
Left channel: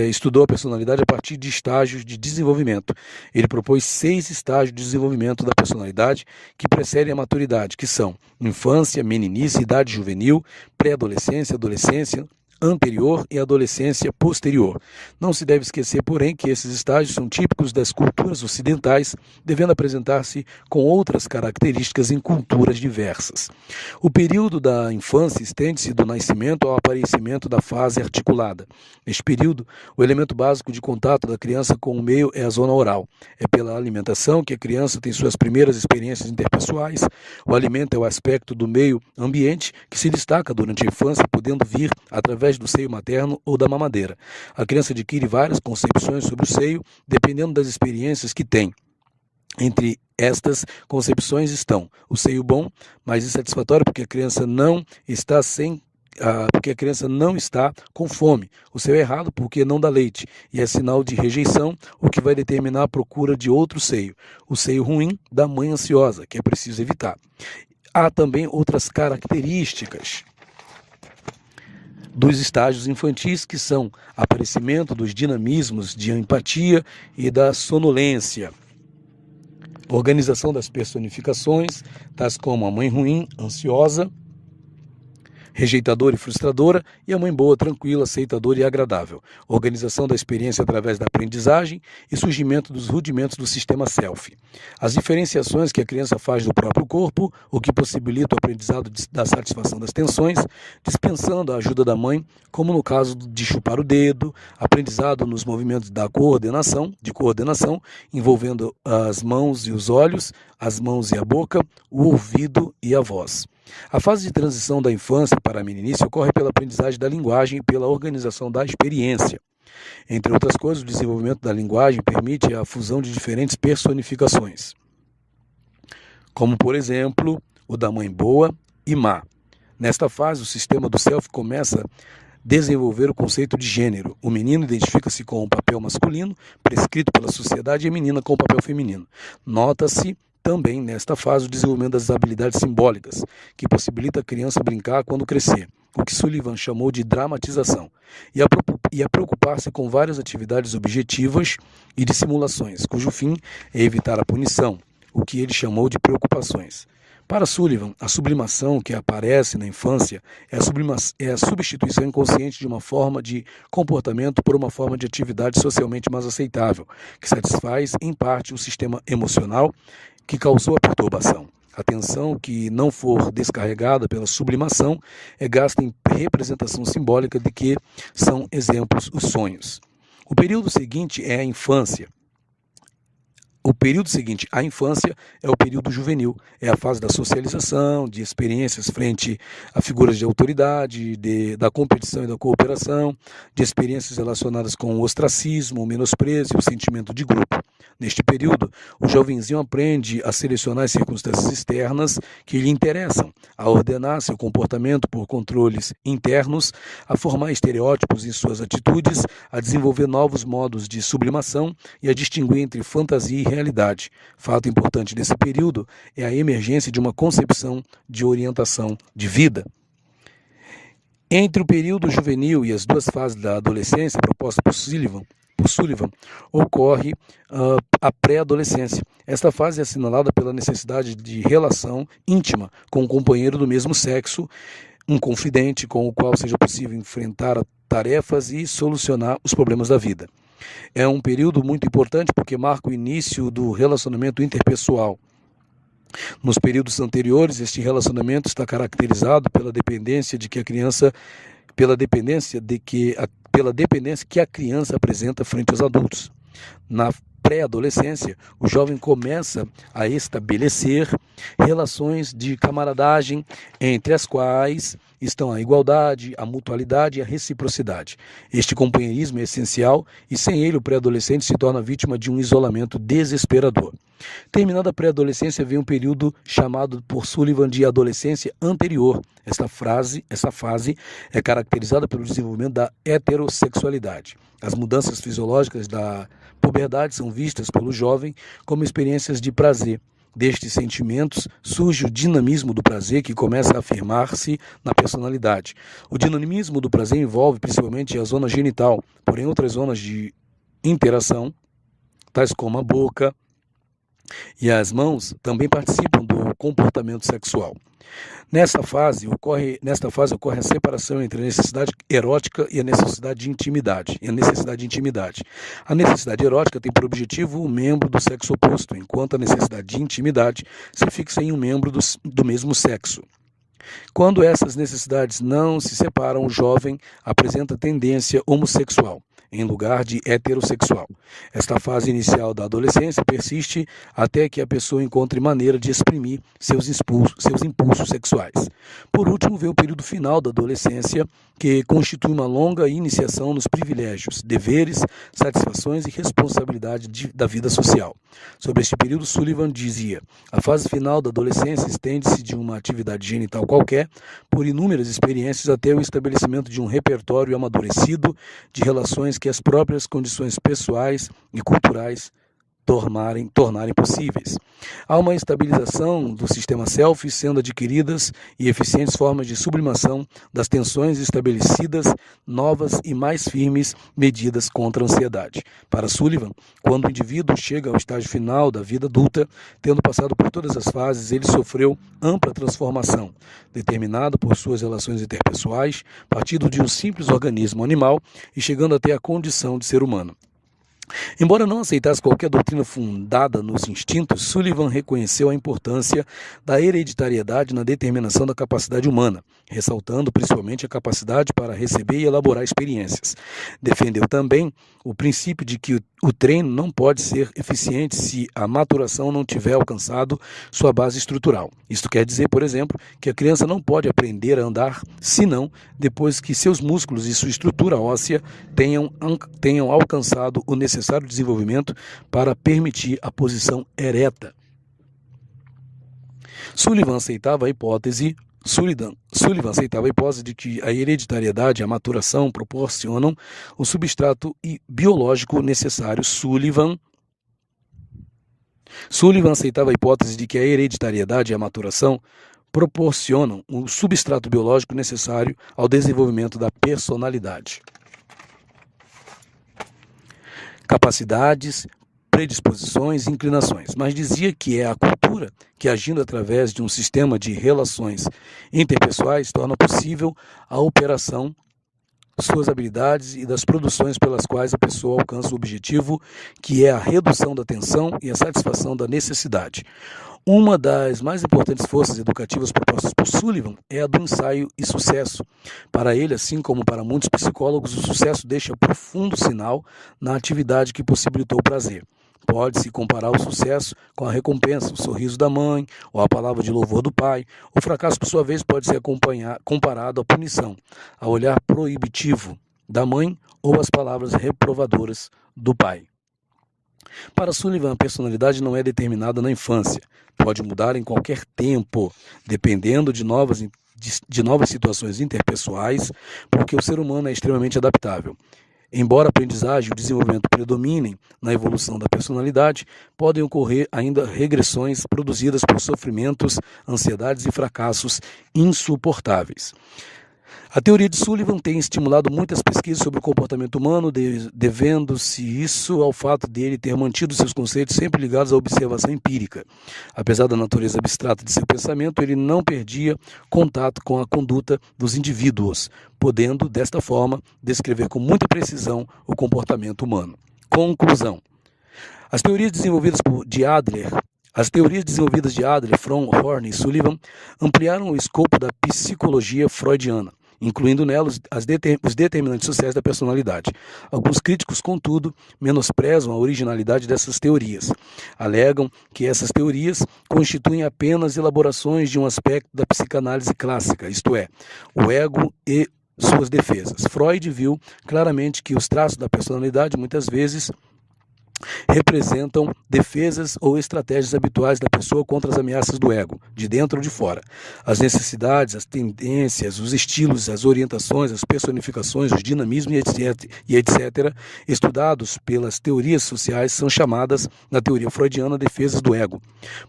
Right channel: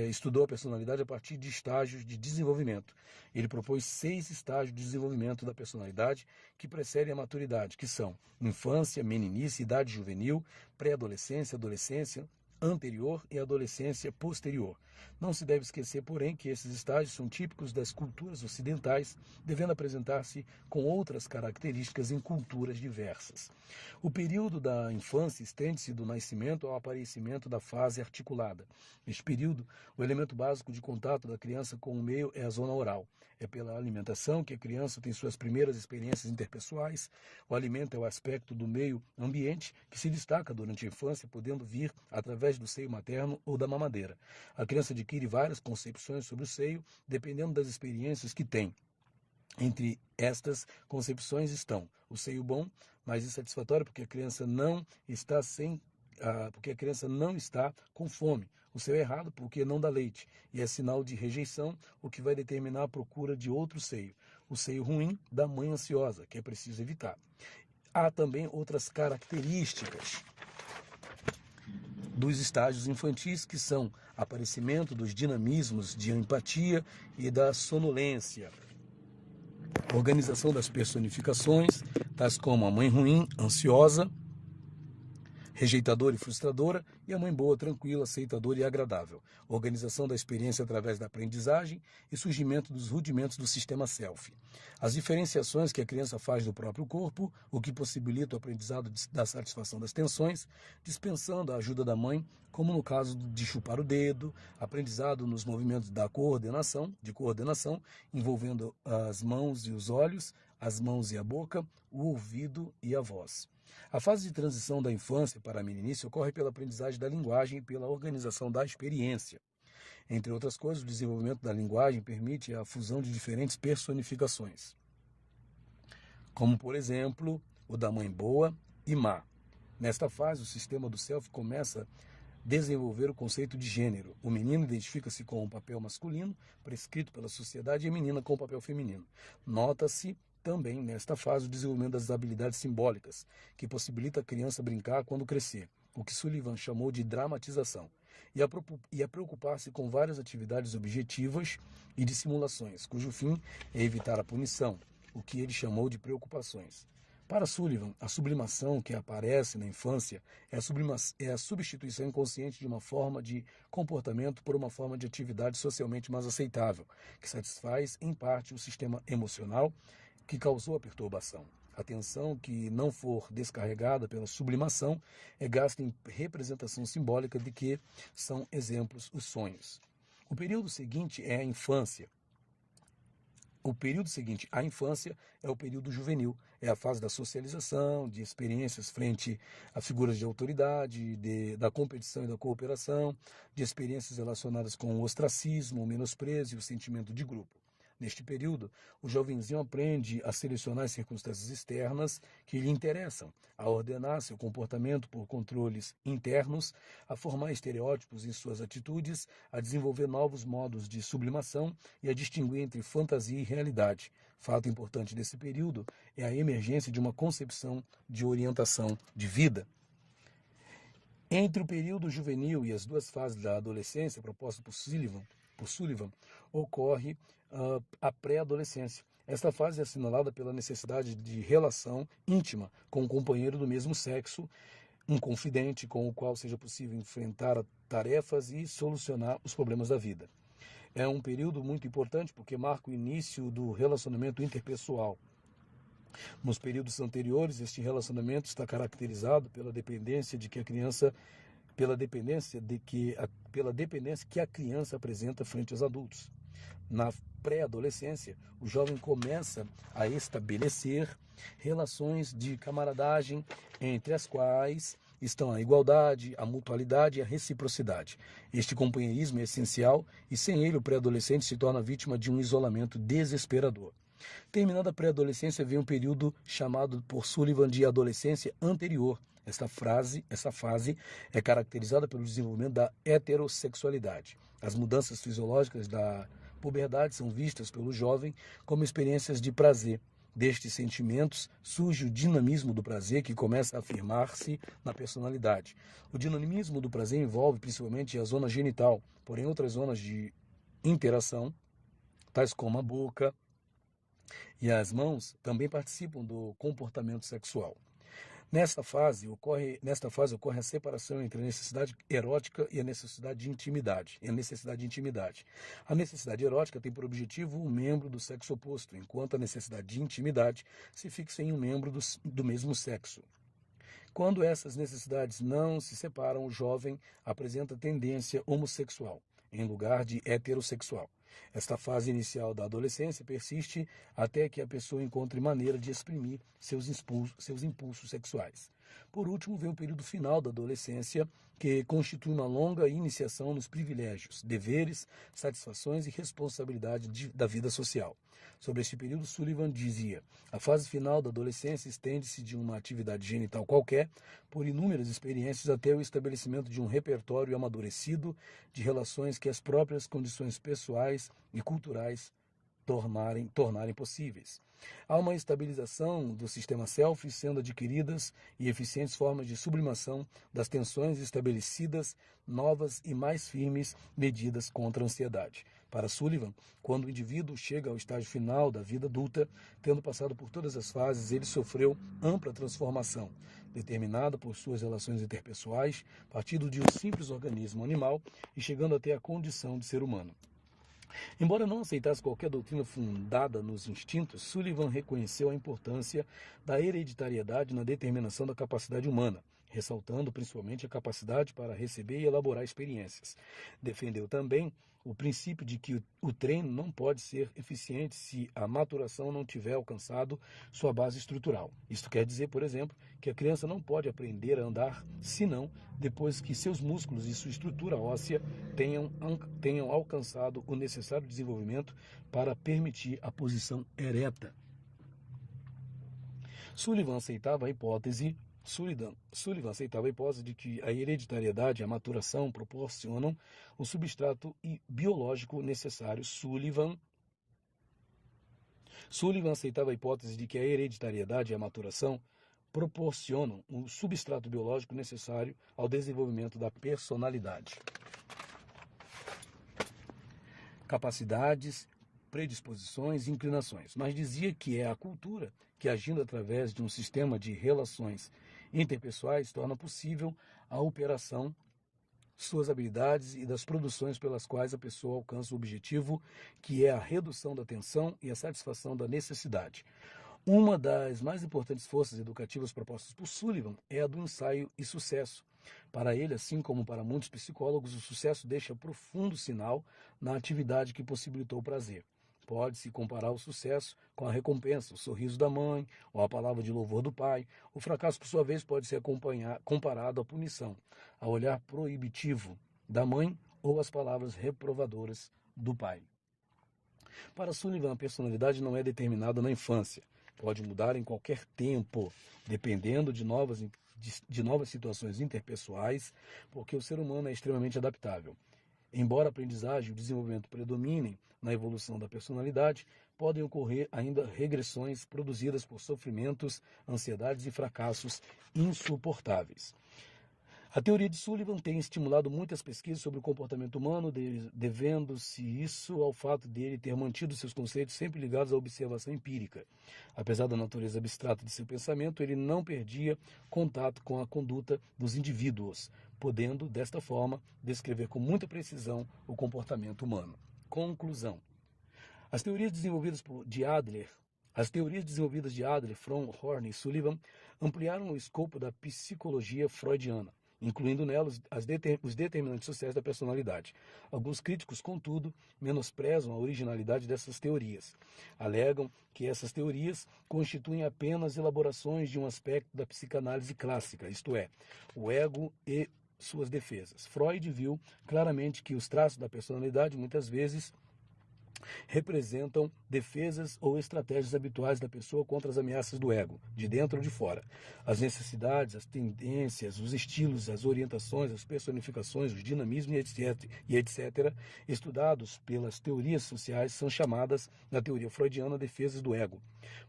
estudou a personalidade a partir de estágios de desenvolvimento. Ele propôs 6 estágios de desenvolvimento da personalidade que precedem a maturidade, que são infância, meninice, idade juvenil, pré-adolescência, adolescência, anterior e adolescência posterior. Não se deve esquecer, porém, que esses estágios são típicos das culturas ocidentais, devendo apresentar-se com outras características em culturas diversas. O período da infância estende-se do nascimento ao aparecimento da fase articulada. Neste período, o elemento básico de contato da criança com o meio é a zona oral. É pela alimentação que a criança tem suas primeiras experiências interpessoais. O alimento é o aspecto do meio ambiente que se destaca durante a infância, podendo vir através do seio materno ou da mamadeira. A criança adquire várias concepções sobre o seio, dependendo das experiências que tem. Entre estas concepções estão o seio bom, mas insatisfatório porque a criança não está com fome, o seio errado porque não dá leite, e é sinal de rejeição, o que vai determinar a procura de outro seio. O seio ruim da mãe ansiosa, que é preciso evitar. Há também outras características dos estágios infantis, que são aparecimento dos dinamismos de empatia e da sonolência, organização das personificações, tais como a mãe ruim, ansiosa, rejeitadora e frustradora, e a mãe boa, tranquila, aceitadora e agradável. Organização da experiência através da aprendizagem e surgimento dos rudimentos do sistema self. As diferenciações que a criança faz do próprio corpo, o que possibilita o aprendizado da satisfação das tensões, dispensando a ajuda da mãe, como no caso de chupar o dedo, aprendizado nos movimentos de coordenação, envolvendo as mãos e os olhos, as mãos e a boca, o ouvido e a voz. A fase de transição da infância para a meninice ocorre pela aprendizagem da linguagem e pela organização da experiência. Entre outras coisas, o desenvolvimento da linguagem permite a fusão de diferentes personificações, como, por exemplo, o da mãe boa e má. Nesta fase, o sistema do self começa a desenvolver o conceito de gênero. O menino identifica-se com o papel masculino, prescrito pela sociedade, e a menina com o papel feminino. Nota-se também, nesta fase, o desenvolvimento das habilidades simbólicas, que possibilita a criança brincar quando crescer, o que Sullivan chamou de dramatização, e a preocupar-se com várias atividades objetivas e de simulações, cujo fim é evitar a punição, o que ele chamou de preocupações. Para Sullivan, a sublimação que aparece na infância é a substituição inconsciente de uma forma de comportamento por uma forma de atividade socialmente mais aceitável, que satisfaz, em parte, o sistema emocional que causou a perturbação. A atenção que não for descarregada pela sublimação é gasta em representação simbólica de que são exemplos os sonhos. O período seguinte é a infância. O período seguinte à infância é o período juvenil, é a fase da socialização, de experiências frente a figuras de autoridade, da competição e da cooperação, de experiências relacionadas com o ostracismo, o menosprezo e o sentimento de grupo. Neste período, o jovenzinho aprende a selecionar as circunstâncias externas que lhe interessam, a ordenar seu comportamento por controles internos, a formar estereótipos em suas atitudes, a desenvolver novos modos de sublimação e a distinguir entre fantasia e realidade. Fato importante desse período é a emergência de uma concepção de orientação de vida. Entre o período juvenil e as duas fases da adolescência proposta por Sullivan, ocorre a pré-adolescência. Esta fase é assinalada pela necessidade de relação íntima com um companheiro do mesmo sexo, um confidente com o qual seja possível enfrentar tarefas e solucionar os problemas da vida. É um período muito importante porque marca o início do relacionamento interpessoal. Nos períodos anteriores, este relacionamento está caracterizado pela dependência que a criança apresenta frente aos adultos. Na pré-adolescência, o jovem começa a estabelecer relações de camaradagem entre as quais estão a igualdade, a mutualidade e a reciprocidade. Este companheirismo é essencial e sem ele o pré-adolescente se torna vítima de um isolamento desesperador. Terminada a pré-adolescência vem um período chamado por Sullivan de adolescência anterior. Essa fase é caracterizada pelo desenvolvimento da heterossexualidade. As mudanças fisiológicas da puberdade são vistas pelo jovem como experiências de prazer. Destes sentimentos surge o dinamismo do prazer que começa a afirmar-se na personalidade. O dinamismo do prazer envolve principalmente a zona genital, porém outras zonas de interação, tais como a boca e as mãos, também participam do comportamento sexual. Nesta fase ocorre a separação entre a necessidade erótica e a necessidade de intimidade. A necessidade erótica tem por objetivo o membro do sexo oposto, enquanto a necessidade de intimidade se fixa em um membro do mesmo sexo. Quando essas necessidades não se separam, o jovem apresenta tendência homossexual, em lugar de heterossexual. Esta fase inicial da adolescência persiste até que a pessoa encontre maneira de exprimir seus impulsos sexuais. Por último, vem o período final da adolescência, que constitui uma longa iniciação nos privilégios, deveres, satisfações e responsabilidade da vida social. Sobre este período, Sullivan dizia: a fase final da adolescência estende-se de uma atividade genital qualquer, por inúmeras experiências, até o estabelecimento de um repertório amadurecido de relações que as próprias condições pessoais e culturais tornarem possíveis. Há uma estabilização do sistema self, sendo adquiridas e eficientes formas de sublimação das tensões estabelecidas, novas e mais firmes medidas contra a ansiedade. Para Sullivan, quando o indivíduo chega ao estágio final da vida adulta, tendo passado por todas as fases, ele sofreu ampla transformação, determinada por suas relações interpessoais, partindo de um simples organismo animal e chegando até a condição de ser humano. Embora não aceitasse qualquer doutrina fundada nos instintos, Sullivan reconheceu a importância da hereditariedade na determinação da capacidade humana, ressaltando principalmente a capacidade para receber e elaborar experiências. Defendeu também o princípio de que o treino não pode ser eficiente se a maturação não tiver alcançado sua base estrutural. Isto quer dizer, por exemplo, que a criança não pode aprender a andar senão depois que seus músculos e sua estrutura óssea tenham alcançado o necessário desenvolvimento para permitir a posição ereta. Sullivan aceitava a hipótese de que a hereditariedade e a maturação proporcionam o substrato biológico necessário. Sullivan aceitava a hipótese de que a hereditariedade e a maturação proporcionam o substrato biológico necessário ao desenvolvimento da personalidade. capacidades, predisposições e inclinações, mas dizia que é a cultura que, agindo através de um sistema de relações interpessoais, torna possível a operação suas habilidades e das produções pelas quais a pessoa alcança o objetivo, que é a redução da tensão e a satisfação da necessidade. Uma das mais importantes forças educativas propostas por Sullivan é a do ensaio e sucesso. Para ele, assim como para muitos psicólogos, o sucesso deixa profundo sinal na atividade que possibilitou o prazer. Pode-se comparar o sucesso com a recompensa, o sorriso da mãe, ou a palavra de louvor do pai. O fracasso, por sua vez, pode ser comparado à punição, ao olhar proibitivo da mãe ou às palavras reprovadoras do pai. Para Sullivan, a personalidade não é determinada na infância. Pode mudar em qualquer tempo, dependendo de novas situações interpessoais, porque o ser humano é extremamente adaptável. Embora a aprendizagem e o desenvolvimento predominem na evolução da personalidade, podem ocorrer ainda regressões produzidas por sofrimentos, ansiedades e fracassos insuportáveis. A teoria de Sullivan tem estimulado muitas pesquisas sobre o comportamento humano, devendo-se isso ao fato dele ter mantido seus conceitos sempre ligados à observação empírica. Apesar da natureza abstrata de seu pensamento, ele não perdia contato com a conduta dos indivíduos, podendo, desta forma, descrever com muita precisão o comportamento humano. Conclusão. As teorias desenvolvidas de Adler, Fromm, Horney e Sullivan ampliaram o escopo da psicologia freudiana, incluindo nelas os determinantes sociais da personalidade. Alguns críticos, contudo, menosprezam a originalidade dessas teorias. Alegam que essas teorias constituem apenas elaborações de um aspecto da psicanálise clássica, isto é, o ego e suas defesas. Freud viu claramente que os traços da personalidade muitas vezes representam defesas ou estratégias habituais da pessoa contra as ameaças do ego, de dentro ou de fora. As necessidades, as tendências, os estilos, as orientações, as personificações, os dinamismos e etc., estudados pelas teorias sociais, são chamadas, na teoria freudiana, defesas do ego.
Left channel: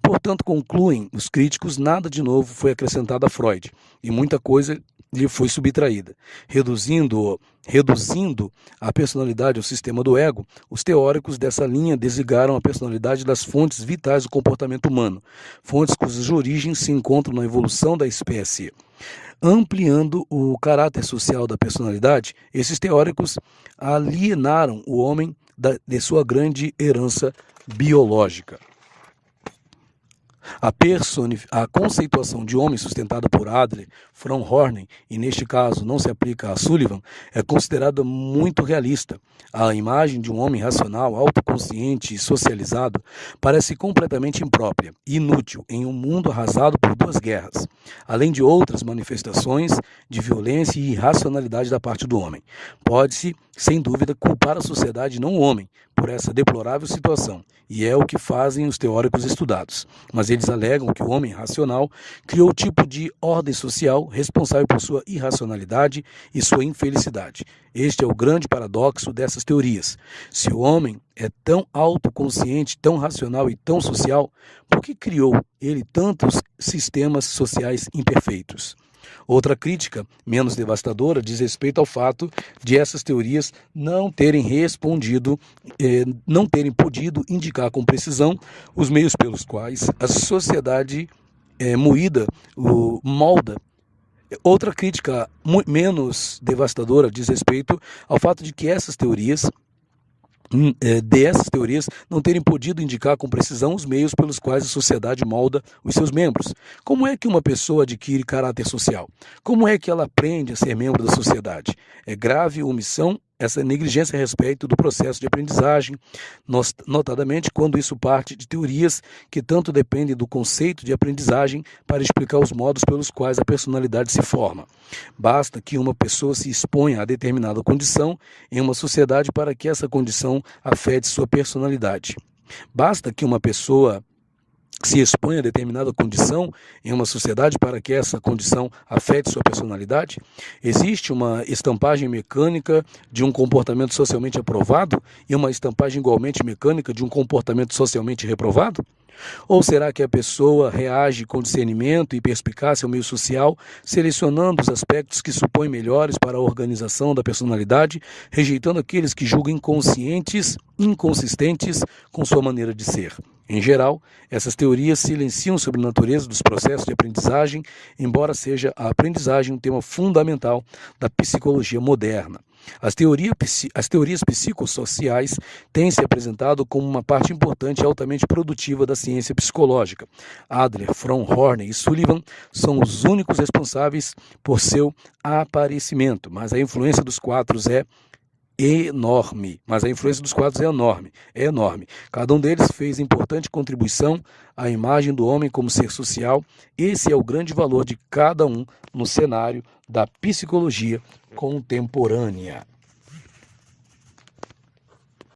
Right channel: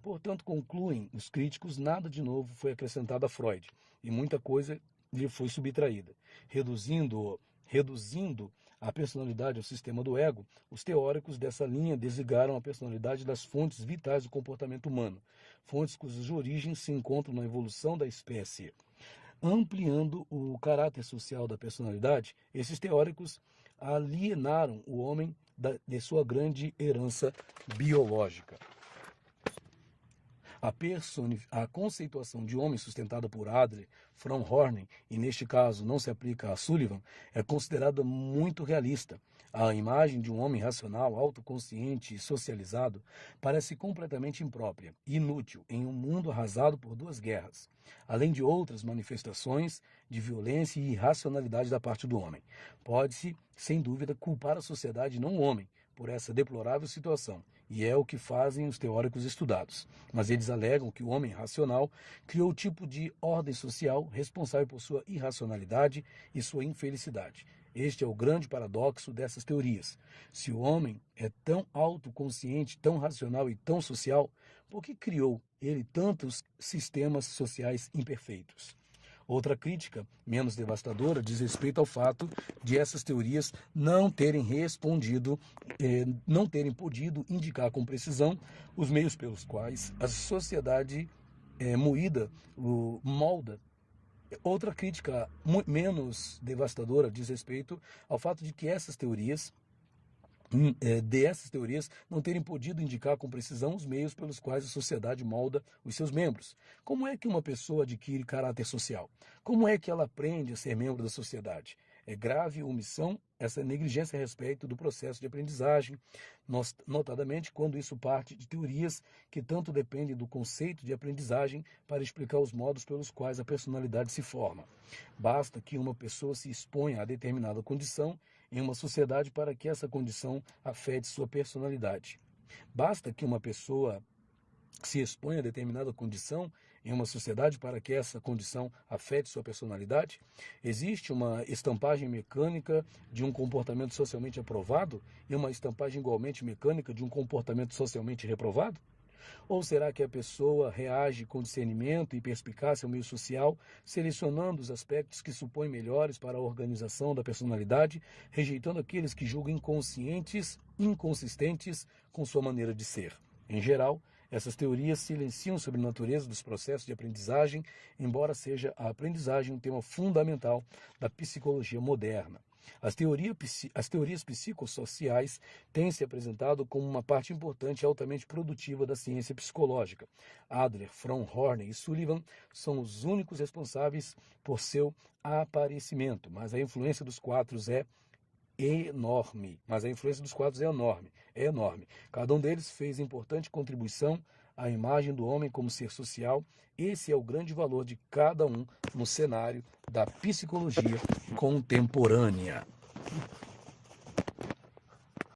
Portanto, concluem os críticos, nada de novo foi acrescentado a Freud, e muita coisa lhe foi subtraída. Reduzindo a personalidade ao sistema do ego, os teóricos dessa linha desligaram a personalidade das fontes vitais do comportamento humano, fontes cujas origens se encontram na evolução da espécie. Ampliando o caráter social da personalidade, esses teóricos alienaram o homem de sua grande herança biológica. A conceituação de homem sustentada por Adler, Fromm, Horney, e neste caso não se aplica a Sullivan, é considerada muito realista. A imagem de um homem racional, autoconsciente e socializado parece completamente imprópria e inútil em um mundo arrasado por duas guerras, além de outras manifestações de violência e irracionalidade da parte do homem. Pode-se, sem dúvida, culpar a sociedade e não o homem por essa deplorável situação, e é o que fazem os teóricos estudados. Mas eles alegam que o homem racional criou o tipo de ordem social responsável por sua irracionalidade e sua infelicidade. Este é o grande paradoxo dessas teorias. Se o homem é tão autoconsciente, tão racional e tão social, por que criou ele tantos sistemas sociais imperfeitos? Outra crítica, menos devastadora, diz respeito ao fato de essas teorias não terem podido indicar com precisão os meios pelos quais a sociedade molda. Outra crítica menos devastadora diz respeito ao fato de que essas teorias não terem podido indicar com precisão os meios pelos quais a sociedade molda os seus membros. Como é que uma pessoa adquire caráter social? Como é que ela aprende a ser membro da sociedade? É grave omissão essa negligência a respeito do processo de aprendizagem, notadamente quando isso parte de teorias que tanto dependem do conceito de aprendizagem para explicar os modos pelos quais a personalidade se forma. Basta que uma pessoa se exponha a determinada condição em uma sociedade para que essa condição afete sua personalidade. Basta que uma pessoa se expõe a determinada condição em uma sociedade para que essa condição afete sua personalidade? Existe uma estampagem mecânica de um comportamento socialmente aprovado e uma estampagem igualmente mecânica de um comportamento socialmente reprovado? Ou será que a pessoa reage com discernimento e perspicácia ao meio social, selecionando os aspectos que supõe melhores para a organização da personalidade, rejeitando aqueles que julga inconscientes, inconsistentes com sua maneira de ser? Em geral, essas teorias silenciam sobre a natureza dos processos de aprendizagem, embora seja a aprendizagem um tema fundamental da psicologia moderna. As teorias psicossociais têm se apresentado como uma parte importante e altamente produtiva da ciência psicológica. Adler, Fromm, Horney e Sullivan são os únicos responsáveis por seu aparecimento, mas a influência dos quatro é enorme. É enorme. Cada um deles fez importante contribuição à imagem do homem como ser social. Esse é o grande valor de cada um no cenário da psicologia contemporânea.